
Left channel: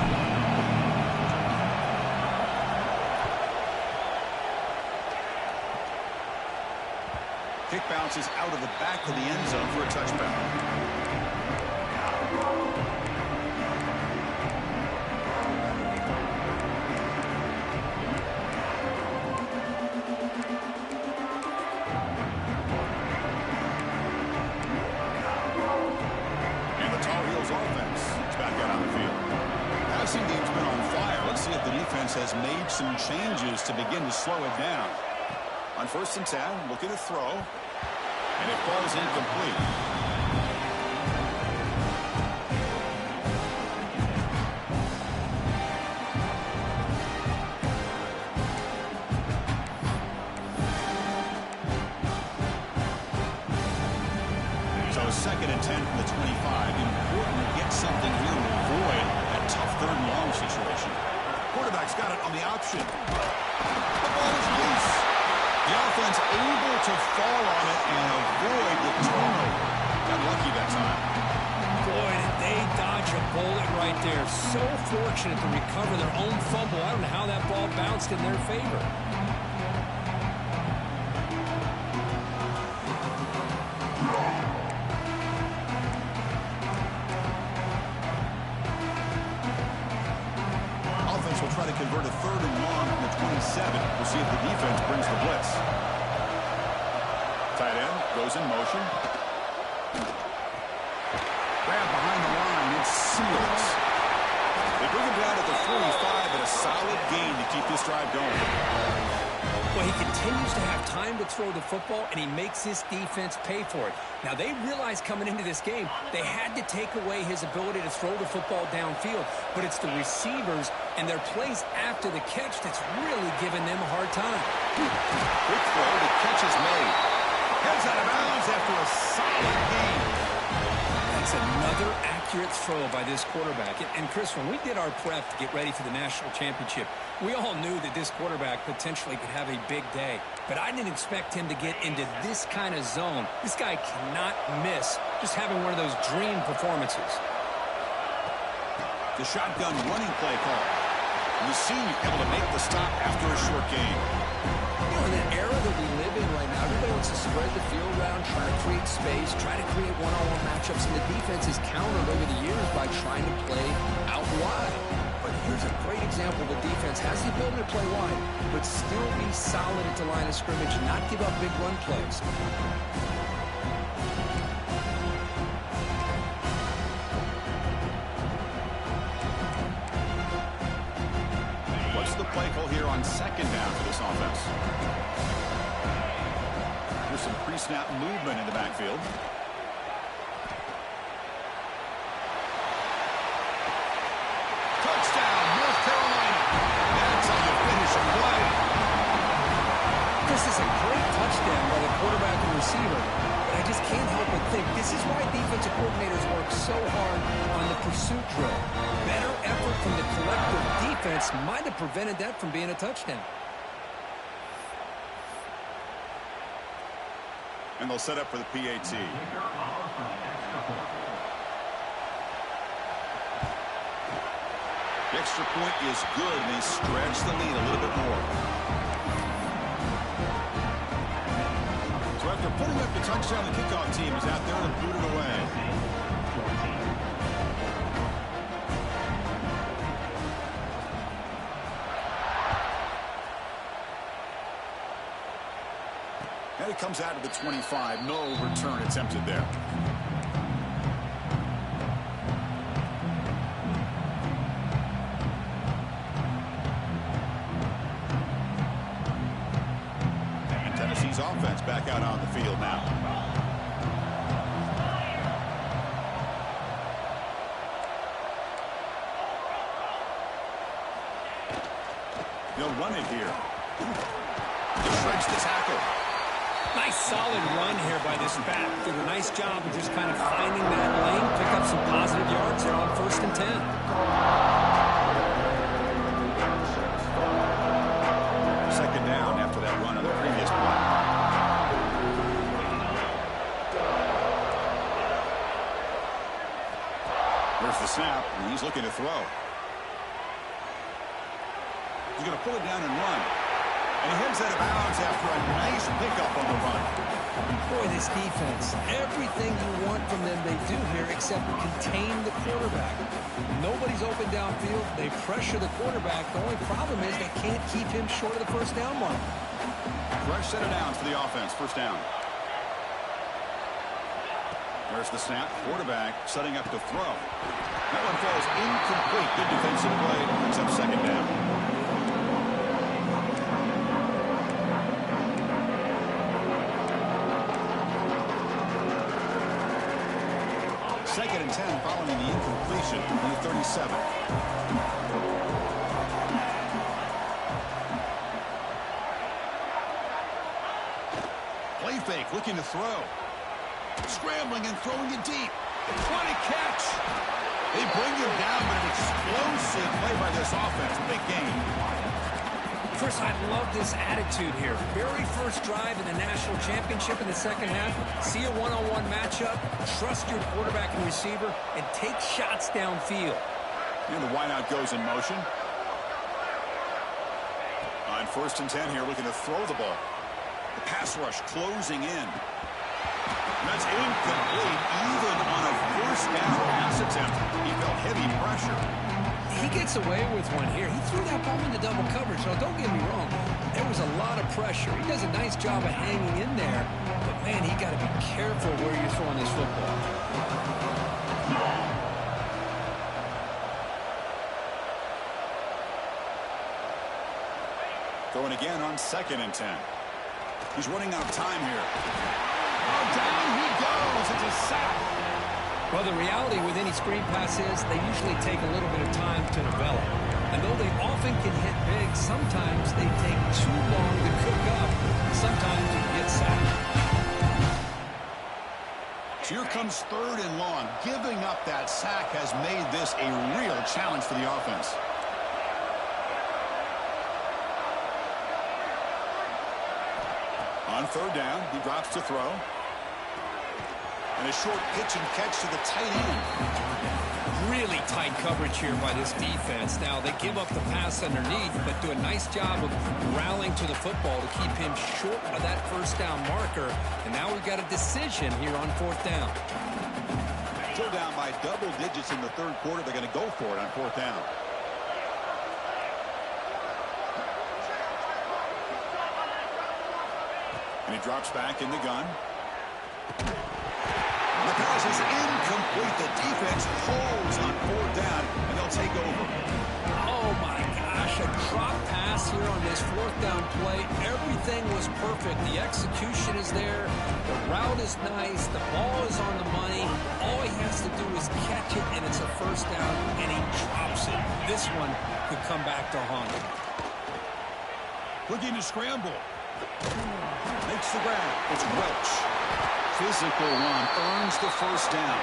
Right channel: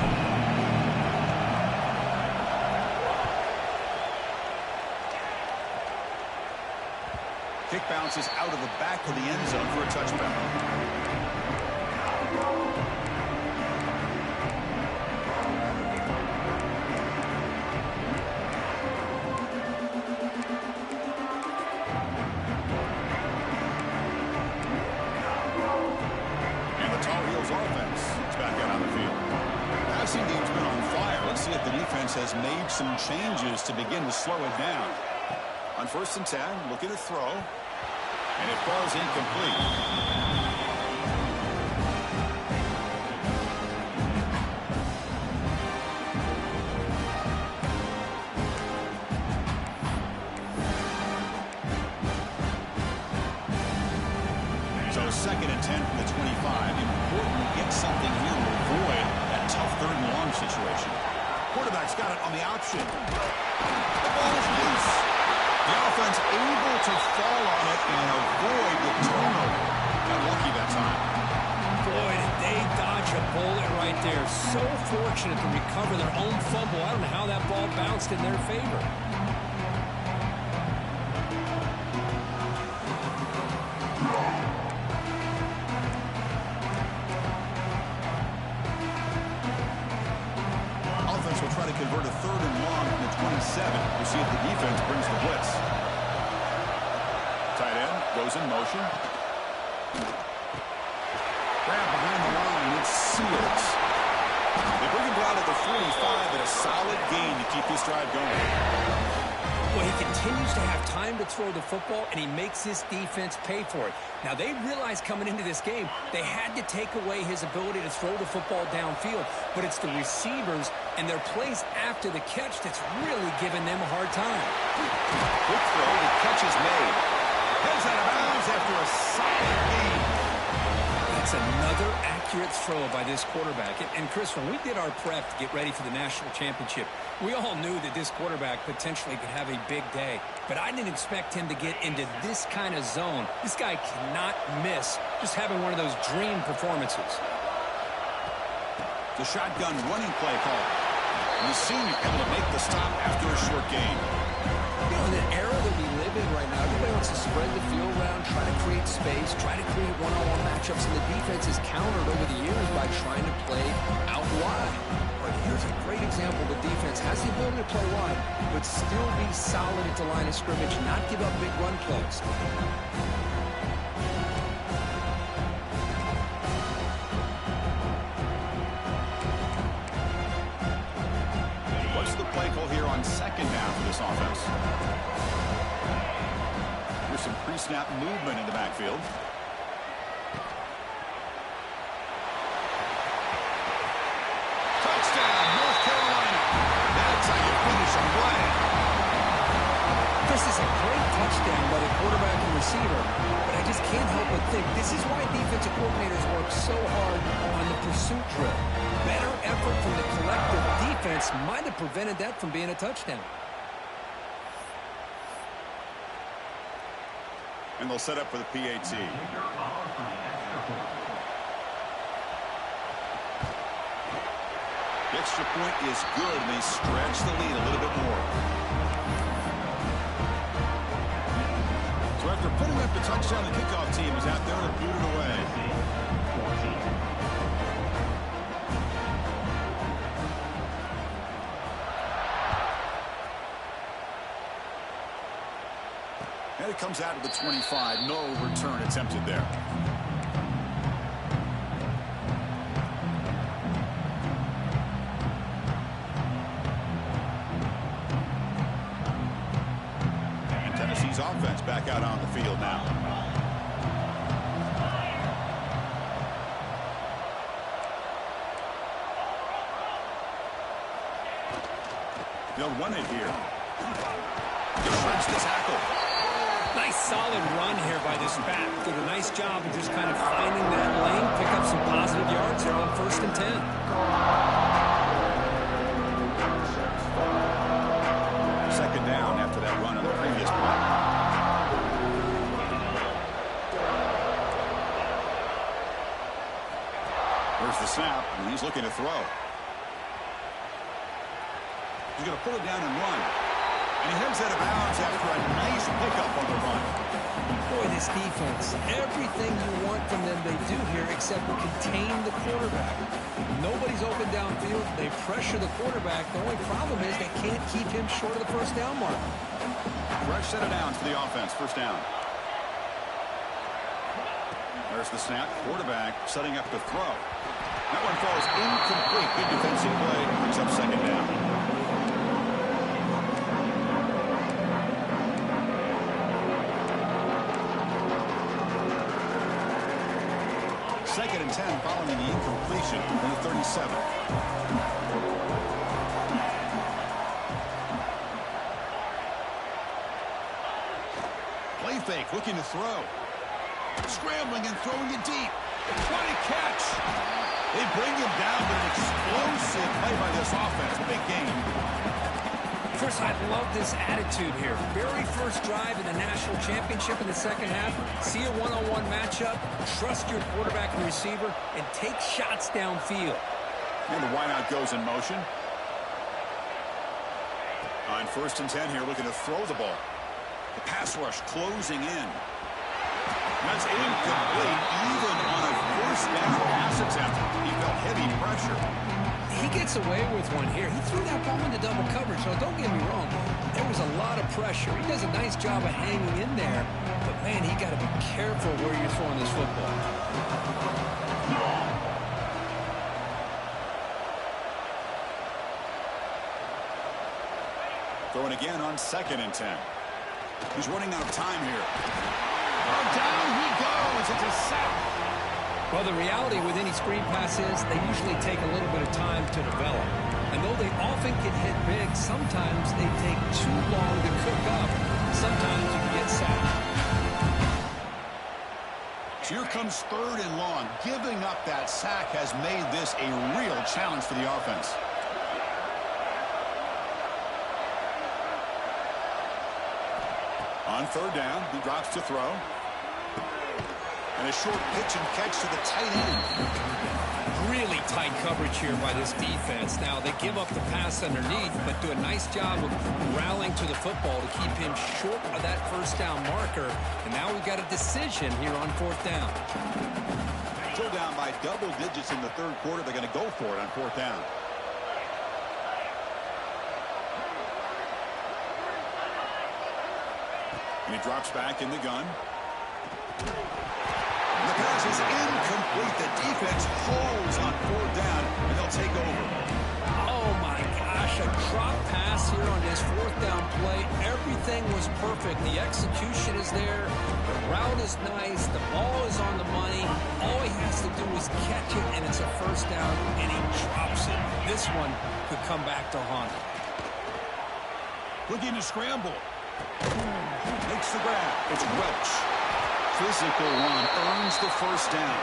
Kick bounces out of the back of the end zone for a touchback. And the Tar Heels offense is back out on the field. defense has made some changes to begin to slow it down. On 1st and 10, looking to throw. And it falls incomplete. So 2nd and 10 from the 25. Important to get something here to avoid that tough 3rd and long situation. Quarterback's got it on the option. The ball is loose. The offense able to fall on it and avoid the turnover. Got lucky that time. Boy, did they dodge a bullet right there. So fortunate to recover their own fumble. I don't know how that ball bounced in their favor. Will try to convert a 3rd and long from the 27. We'll see if the defense brings the blitz. Tight end goes in motion. Grab behind the line. It's Seals. They bring him down at the 45 at a solid gain to keep this drive going. Well, he continues to have time to throw the football, and he makes this defense pay for it. Now, they realized coming into this game they had to take away his ability to throw the football downfield, but it's the receivers and their plays after the catch that's really giving them a hard time. Quick throw, the catch is made. Heads out of bounds after a solid gain. That's another accurate throw by this quarterback. And Chris, when we did our prep to get ready for the national championship, we all knew that this quarterback potentially could have a big day. But I didn't expect him to get into this kind of zone. This guy cannot miss just having one of those dream performances. The shotgun running play call. And the senior able to make the stop after a short gain. You know, in the era that we live in right now, everybody wants to spread the field around, try to create space, try to create one-on-one matchups, and the defense is countered over the years by trying to play out wide. But here's a great example. The defense has the ability to play wide, but still be solid at the line of scrimmage, not give up big run plays. What's the play call here on 2nd down for this offense? Here's some pre-snap movement in the backfield. Touchdown, North Carolina. That's how you finish a play. This is a great touchdown by the quarterback and receiver, but I just can't help but think this is why defensive coordinators work so hard on the pursuit drill. Better effort from the collective defense might have prevented that from being a touchdown. And they'll set up for the PAT. The extra point is good, and they stretch the lead a little bit more. So after putting up the touchdown, the kickoff team is out there to boot it away. And it comes out of the 25. No return attempted there. And Tennessee's offense back out on the field now. They'll run it here. Deflects the tackle. Nice solid run here by this back. Did a nice job of just kind of finding that lane, pick up some positive yards here on 1st and 10. Second down after that run on the previous play. There's the snap, and he's looking to throw. He's going to pull it down and run. And he heads out of bounds after a nice pickup on the run. Boy, this defense, everything you want from them they do here except contain the quarterback. Nobody's open downfield. They pressure the quarterback. The only problem is they can't keep him short of the 1st down mark. Fresh set of downs for the offense. 1st down. There's the snap. Quarterback setting up to throw. That one falls incomplete. Good defensive play. Brings up 2nd down. Second and 10 following the incompletion from the 37. Play fake, looking to throw. Scrambling and throwing it deep. What a catch! They bring him down, but an explosive play by this offense. Big game. Chris, I love this attitude here. Very first drive in the national championship in the second half. See a one-on-one matchup, trust your quarterback and receiver, and take shots downfield. And the wideout goes in motion. On first and 10 here, looking to throw the ball. The pass rush closing in. That's incomplete, even on a first down pass attempt. He felt heavy pressure. He gets away with one here. He threw that ball into double coverage, so don't get me wrong. There was a lot of pressure. He does a nice job of hanging in there, but, man, he got to be careful where you're throwing this football. Throwing again on second and 10. He's running out of time here. Oh, down he goes. It's a sack. Well, the reality with any screen pass is they usually take a little bit of time to develop. And though they often can hit big, sometimes they take too long to cook up. Sometimes you can get sacked. So here comes third and long. Giving up that sack has made this a real challenge for the offense. On third down, he drops to throw. And a short pitch and catch to the tight end. Really tight coverage here by this defense. Now, they give up the pass underneath, but do a nice job of rallying to the football to keep him short of that first down marker. And now we've got a decision here on fourth down. Still down by double digits in the third quarter. They're going to go for it on fourth down. And he drops back in the gun. The pass is incomplete. The defense holds on fourth down, and they'll take over. Oh, my gosh, a drop pass here on this fourth down play. Everything was perfect. The execution is there. The route is nice. The ball is on the money. All he has to do is catch it, and it's a first down, and he drops it. This one could come back to haunt him. Looking to scramble. Makes the grab. It's Welch. Physical run earns the first down.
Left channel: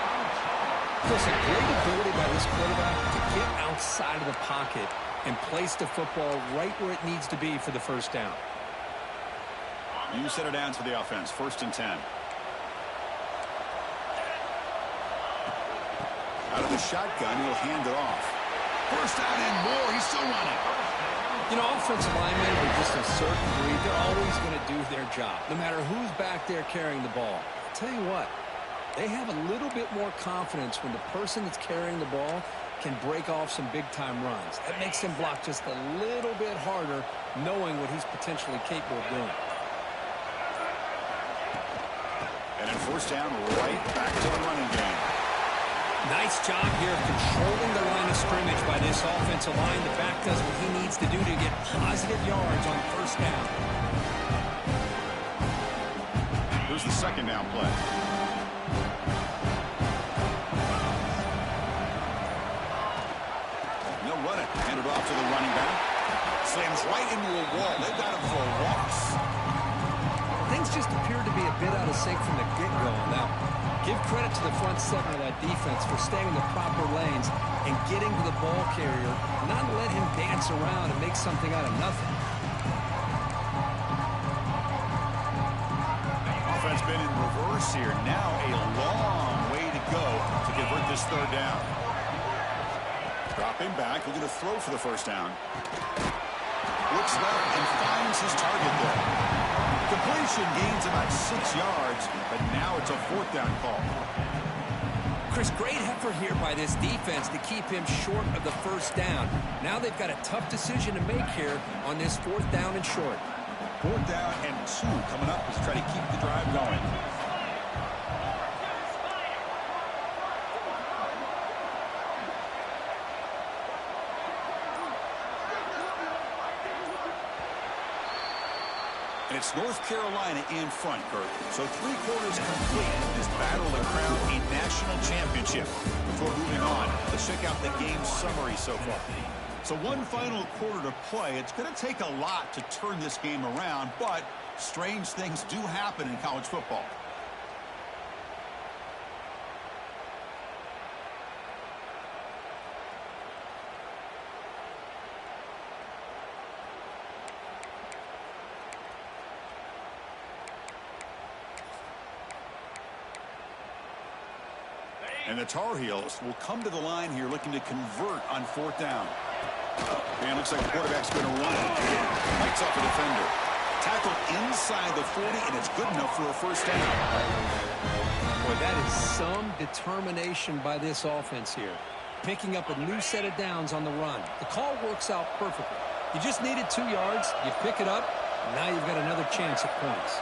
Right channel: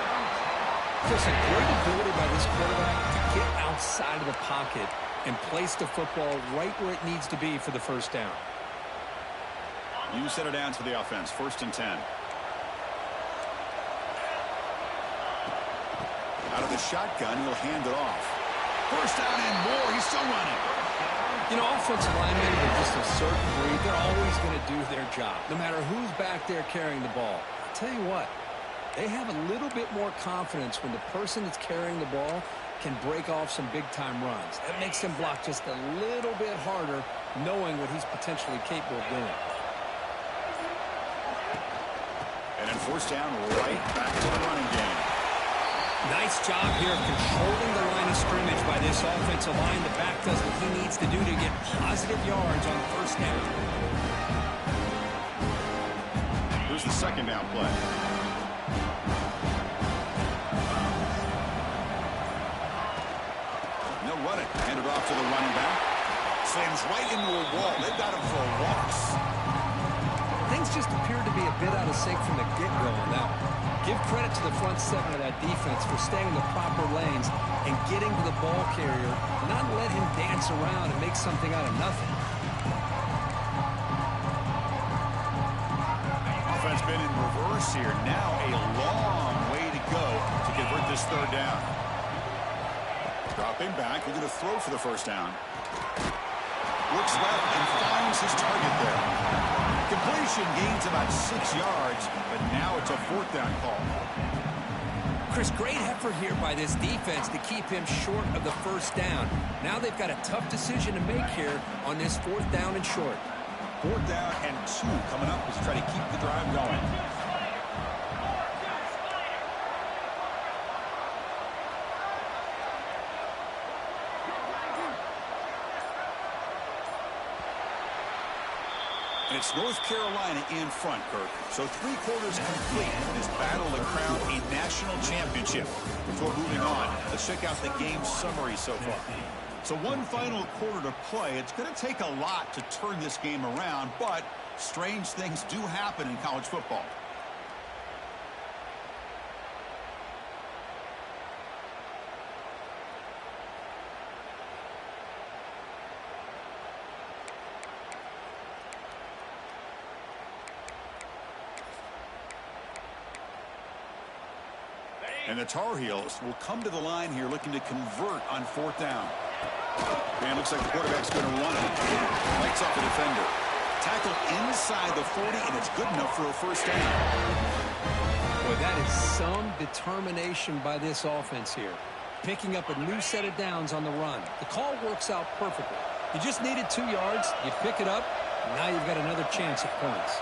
Chris, a great ability by this quarterback to get outside of the pocket and place the football right where it needs to be for the first down. You set it down to the offense. First and 10. Out of the shotgun, he'll hand it off. First down and more. He's still running. You know, offensive linemen are just a certain breed. They're always going to do their job, no matter who's back there carrying the ball. I'll tell you what, they have a little bit more confidence when the person that's carrying the ball can break off some big-time runs. That makes them block just a little bit harder, knowing what he's potentially capable of doing. And in first down, right back to the running game. Nice job here of controlling the line of scrimmage by this offensive line. The back does what he needs to do to get positive yards on first down. Here's the second down play. They'll run it. Hand it off to the running back. Slams right into a wall. They've got him for a loss. Things just appeared to be a bit out of sync from the get-go on that one. Give credit to the front seven of that defense for staying in the proper lanes and getting to the ball carrier, not let him dance around and make something out of nothing. Offense been in reverse here. Now a long way to go to convert this third down. Dropping back, looking to throw for the first down. Looks left and finds his target there. Completion gains about 6 yards, but now it's a fourth down call. Chris, great effort here by this defense to keep him short of the first down. Now they've got a tough decision to make here on this fourth down and short. Fourth down and 2 coming up as they try to keep the drive going. And it's North Carolina in front, Kirk. So 3 quarters complete in this battle to crown a national championship. Before moving on, let's check out the game summary so far. So one final quarter to play. It's going to take a lot to turn this game around, but strange things do happen in college football. And the Tar Heels will come to the line here looking to convert on 4th down. And looks like the quarterback's going to run it. Lights off the defender. Tackled inside the 40, and it's good enough for a 1st down. Boy, that is some determination by this offense here. Picking up a new set of downs on the run. The call works out perfectly. You just needed 2 yards. You pick it up. And now you've got another chance at points.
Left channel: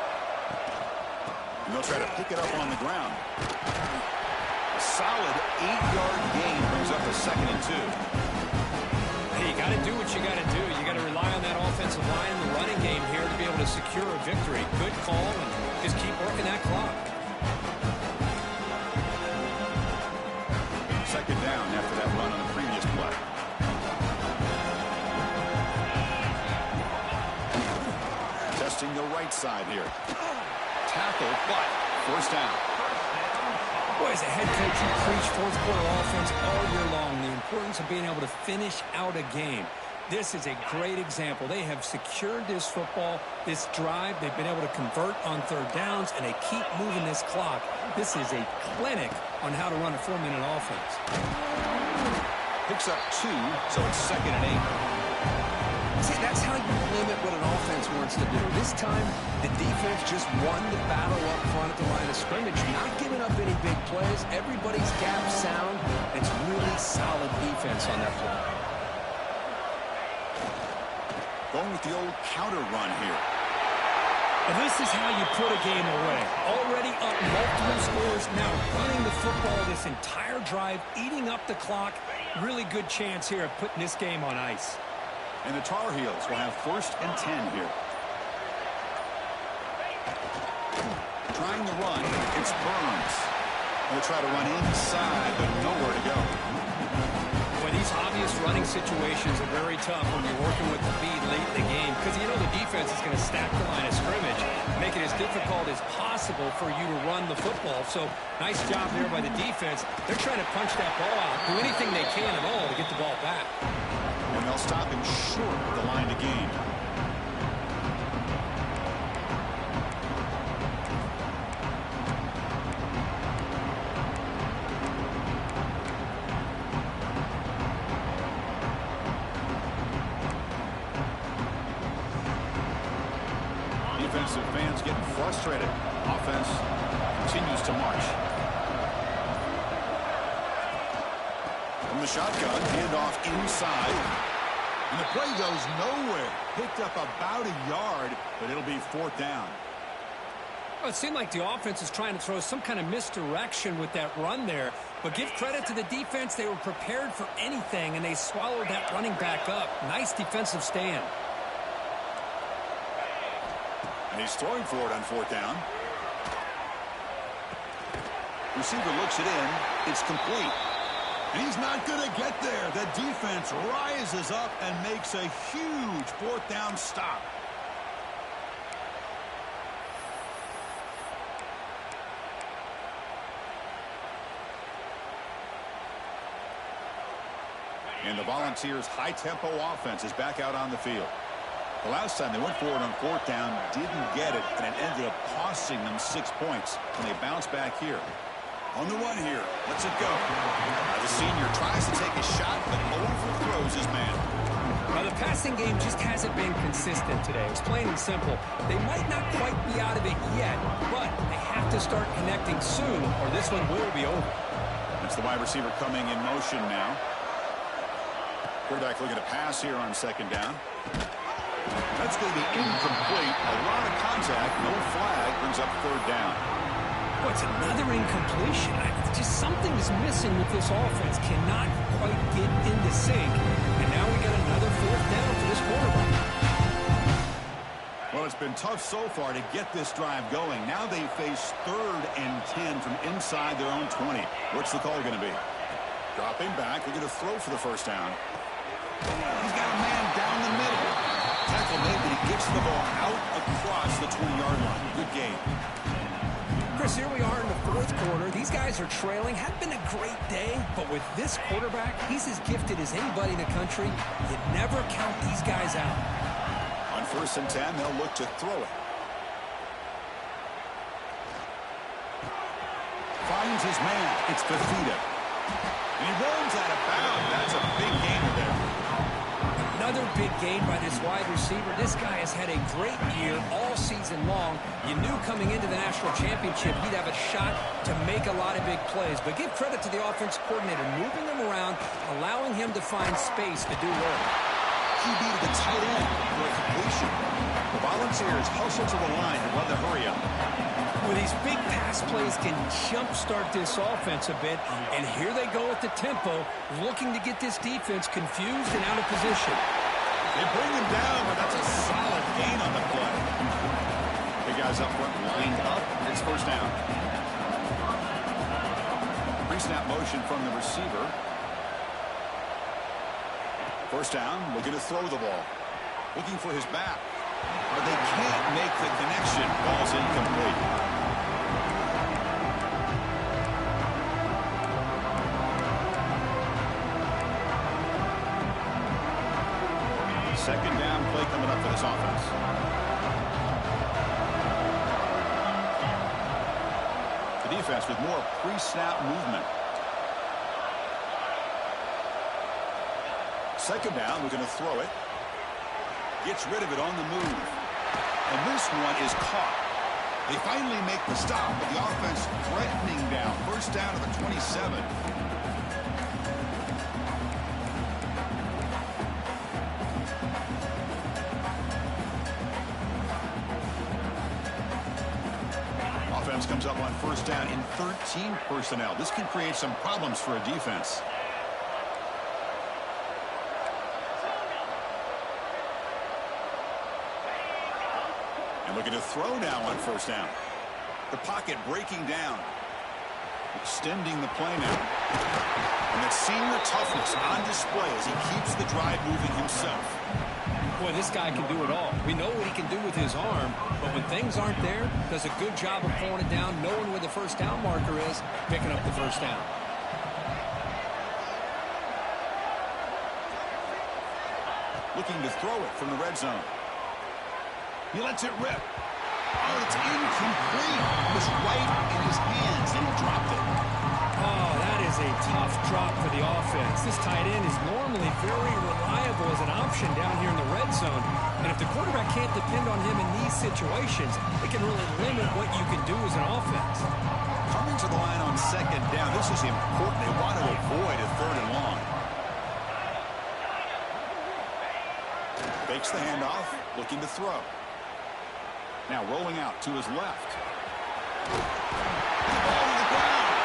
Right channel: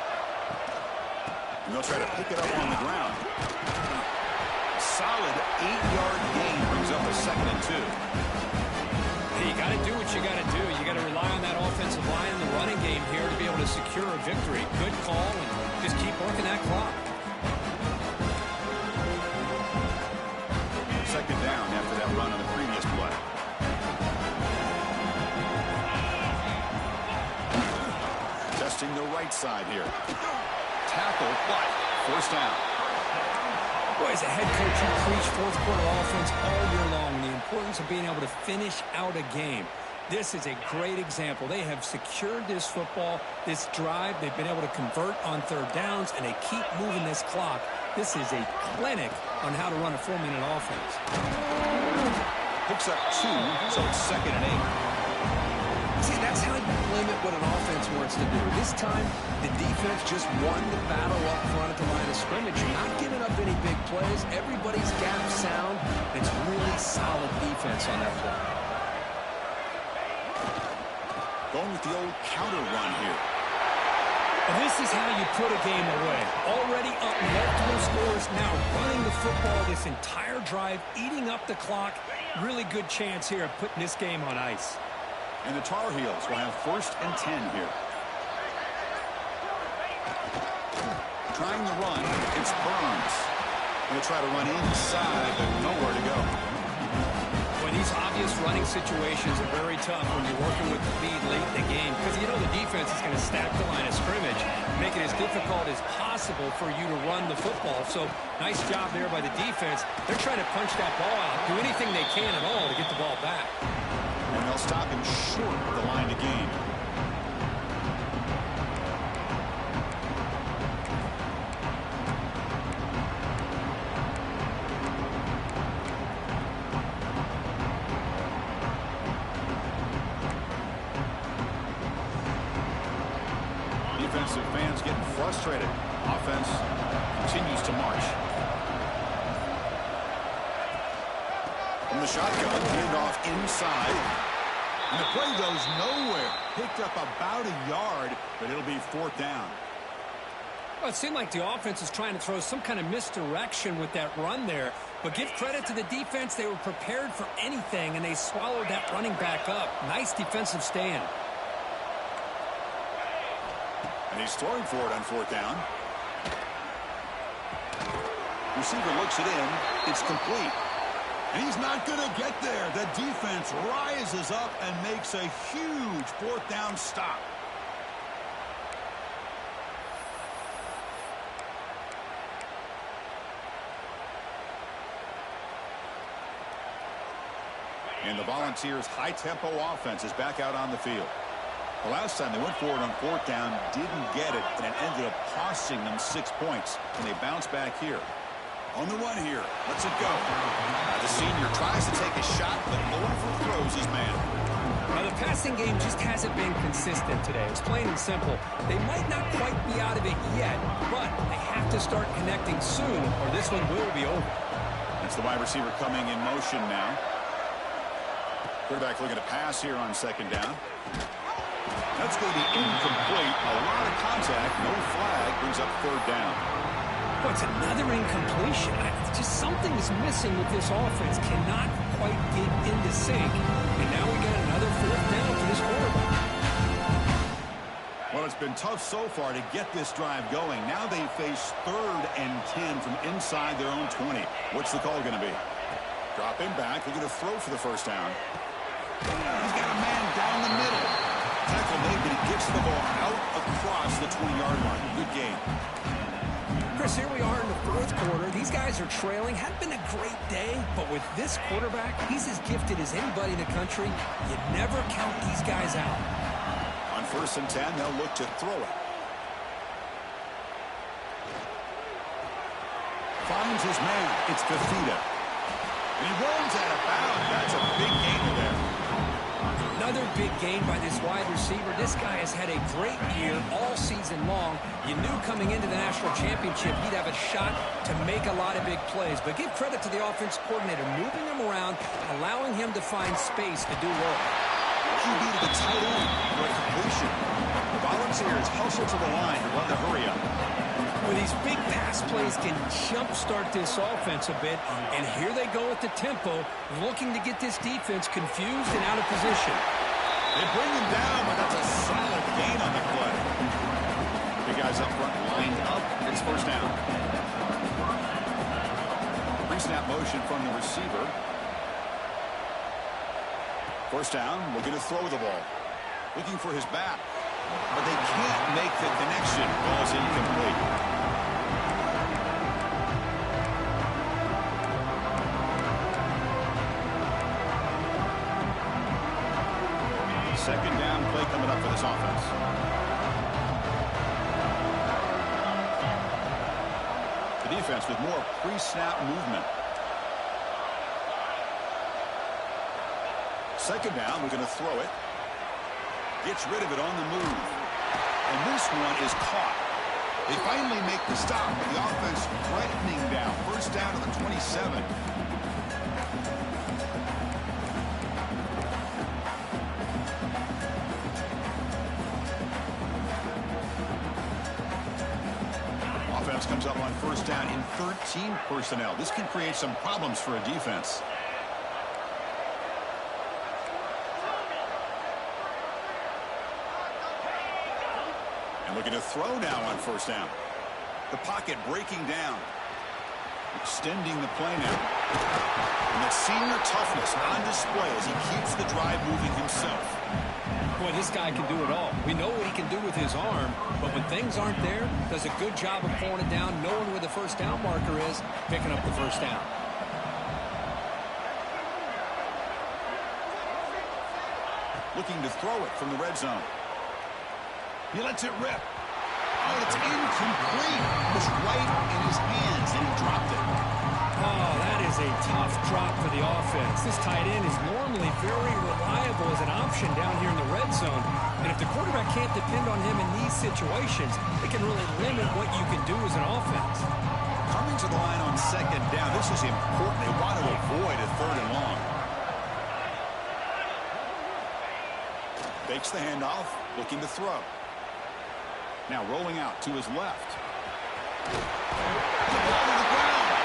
And they'll try to pick it up on the ground. A solid 8-yard gain brings up a 2nd and 2. Hey, you got to do what you got to do. You got to rely on that offensive line in the running game here to be able to secure a victory. Good call, and just keep working that clock. 2nd down after that run on the previous play. Testing the right side here. Tackle, but 1st down. Boy, as a head coach, you preach 4th quarter offense all year long. The importance of being able to finish out a game. This is a great example. They have secured this football, this drive. They've been able to convert on 3rd downs, and they keep moving this clock. This is a clinic on how to run a 4-minute offense. Picks up 2, so it's 2nd and 8. See, that's how you limit what an offense wants to do. This time, the defense just won the battle up front at the line of scrimmage, not giving up any big plays. Everybody's gap sound. It's really solid defense on that play. Going with the old counter run here. And this is how you put a game away. Already up multiple scores, now running the football this entire drive, eating up the clock. Really good chance here of putting this game on ice. And the Tar Heels will have 1st and 10 here. Trying to run, it's Burns. Going to try to run inside, but nowhere to go. Boy, these obvious running situations are very tough when you're working with the lead late in the game, because you know the defense is going to stack the line of scrimmage, make it as difficult as possible for you to run the football. So nice job there by the defense. They're trying to punch that ball out, do anything they can at all to get the ball back. And they'll stop him short of the line to gain. Defensive fans getting frustrated. Offense continues to march. From the shotgun, handoff inside. And the play goes nowhere. Picked up about a yard, but it'll be 4th down. Well, it seemed like the offense was trying to throw some kind of misdirection with that run there. But give credit to the defense. They were prepared for anything, and they swallowed that running back up. Nice defensive stand. And he's throwing for it on 4th down. Receiver looks it in. It's complete. And he's not going to get there. The defense rises up and makes a huge 4th down stop. And the Volunteers' high-tempo offense is back out on the field. The last time they went forward on 4th down, didn't get it, and it ended up costing them 6 points. And they bounce back here. On the run here. Lets it go. The senior tries to take a shot, but overthrows his man. Now, the passing game just hasn't been consistent today. It's plain and simple. They might not quite be out of it yet, but they have to start connecting soon, or this one will be over. That's the wide receiver coming in motion now. Quarterback looking to pass here on 2nd down. That's going to be incomplete. A lot of contact. No flag. Brings up 3rd down. Oh, it's another incompletion. Just something is missing with this offense. Cannot quite get into sync. And now we got another 4th down for this quarterback. Well, it's been tough so far to get this drive going. Now they face 3rd and 10 from inside their own 20. What's the call going to be? Dropping back. They're going to throw for the first down. He's got a man down the middle. Tackle made, but he gets the ball out across the 20-yard line. Good game. Chris, here we are in the 4th quarter. These guys are trailing. Hadn't been a great day, but with this quarterback, he's as gifted as anybody in the country. You never count these guys out. On 1st and 10, they'll look to throw it. Finds his man. It's Fafita. And he rolls out of bounds. That's a big gainer there. Another big gain by this wide receiver. This guy has had a great year all season long. You knew coming into the national championship he'd have a shot to make a lot of big plays. But give credit to the offense coordinator, moving him around, allowing him to find space to do work. QB to the tight end for a completion. The Volunteers hustle to the line to run the hurry-up. Well, these big pass plays can jumpstart this offense a bit, and here they go at the tempo, looking to get this defense confused and out of position. They bring him down, but that's a solid gain on the play. The guys up front lined up. It's first down. Pre-snap motion from the receiver. First down, looking to throw the ball. Looking for his back. But they can't make the connection. Ball's incomplete. Second down play coming up for this offense. The defense with more pre-snap movement. Second down, we're going to throw it. Gets rid of it on the move. And this one is caught. They finally make the stop, but the offense threatening down. First down to the 27. Offense comes up on first down in 13 personnel. This can create some problems for a defense. And looking to throw now on first down. The pocket breaking down. Extending the play now. And that senior toughness on display as he keeps the drive moving himself. Boy, this guy can do it all. We know what he can do with his arm, but when things aren't there, does a good job of pulling it down, knowing where the first down marker is, picking up the first down. Looking to throw it from the red zone. He lets it rip. Oh, it's incomplete. It was right in his hands, and he dropped it. Oh, that is a tough drop for the offense. This tight end is normally very reliable as an option down here in the red zone. And if the quarterback can't depend on him in these situations, it can really limit what you can do as an offense. Coming to the line on second down, this is important. They want to avoid a third and long. Fakes the handoff, looking to throw. Now rolling out to his left. And the ball to the ground.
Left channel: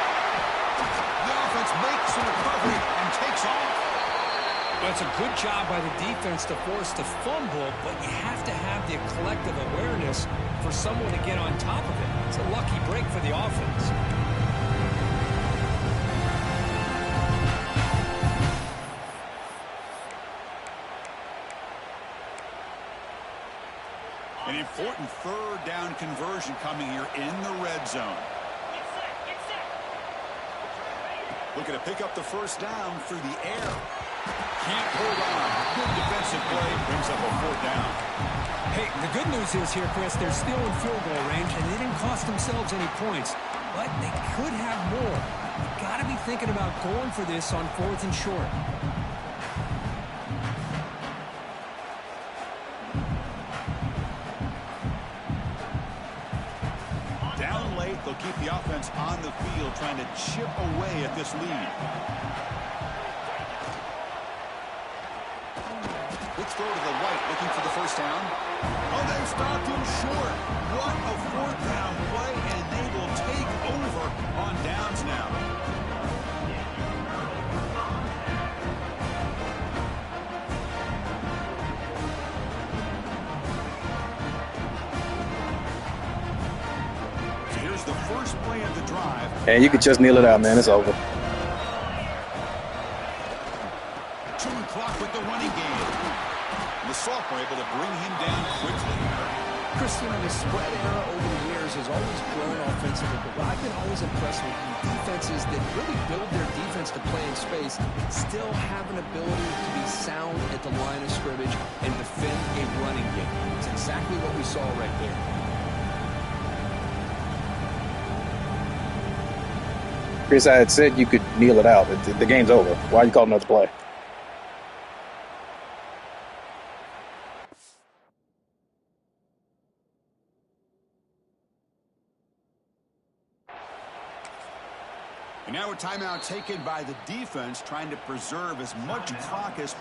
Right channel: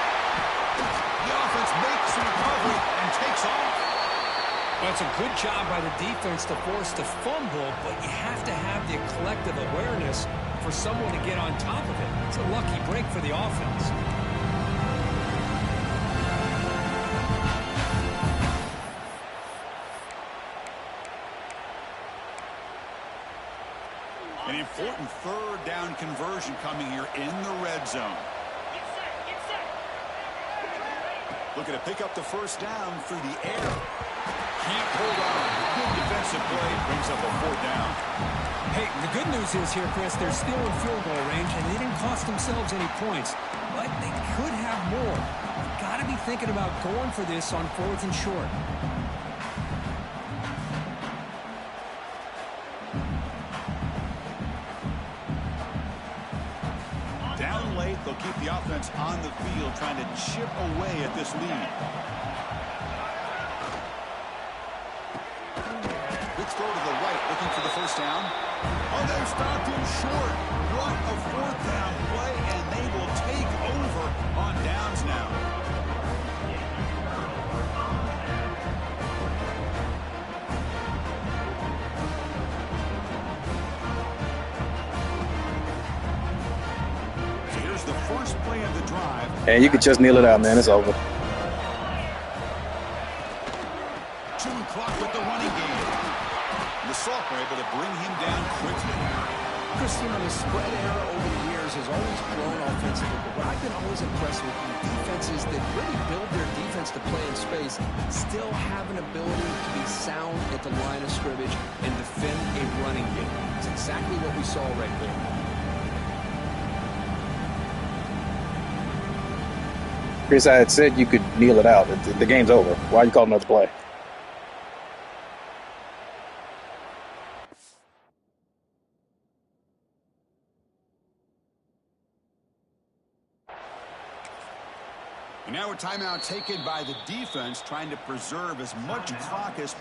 The offense makes a recovery and takes off. Well, it's a good job by the defense to force the fumble, but you have to have the collective awareness for someone to get on top of it. It's a lucky break for the offense. An important third down conversion coming here in the red zone. Looking to pick up the first down through the air. Can't hold on. Good defensive play. Brings up a fourth down. Hey, the good news is here, Chris, they're still in field goal range, and they didn't cost themselves any points. But they could have more. You've got to be thinking about going for this on 4th and short. Down late, they'll keep the offense on the field, trying to chip away at this lead. Good throw to the right, looking for the first down. Oh, they've stopped him short. What a fourth down play, and they will take over on downs now. the first play of the drive. And you could just kneel it out, man. It's over. Chewing clock with the running game. And the sophomore able to bring him down quickly. Chris, you know, the spread era over the years has always grown offensively, but what I've been always impressed with defenses that really build their defense to play in space still have an ability to be sound at the line of scrimmage and defend a running game. It's exactly what we saw right there. Chris, I had said you could kneel it out. The game's over. Why are you calling another play? And now a timeout taken by the defense, trying to preserve as much clock as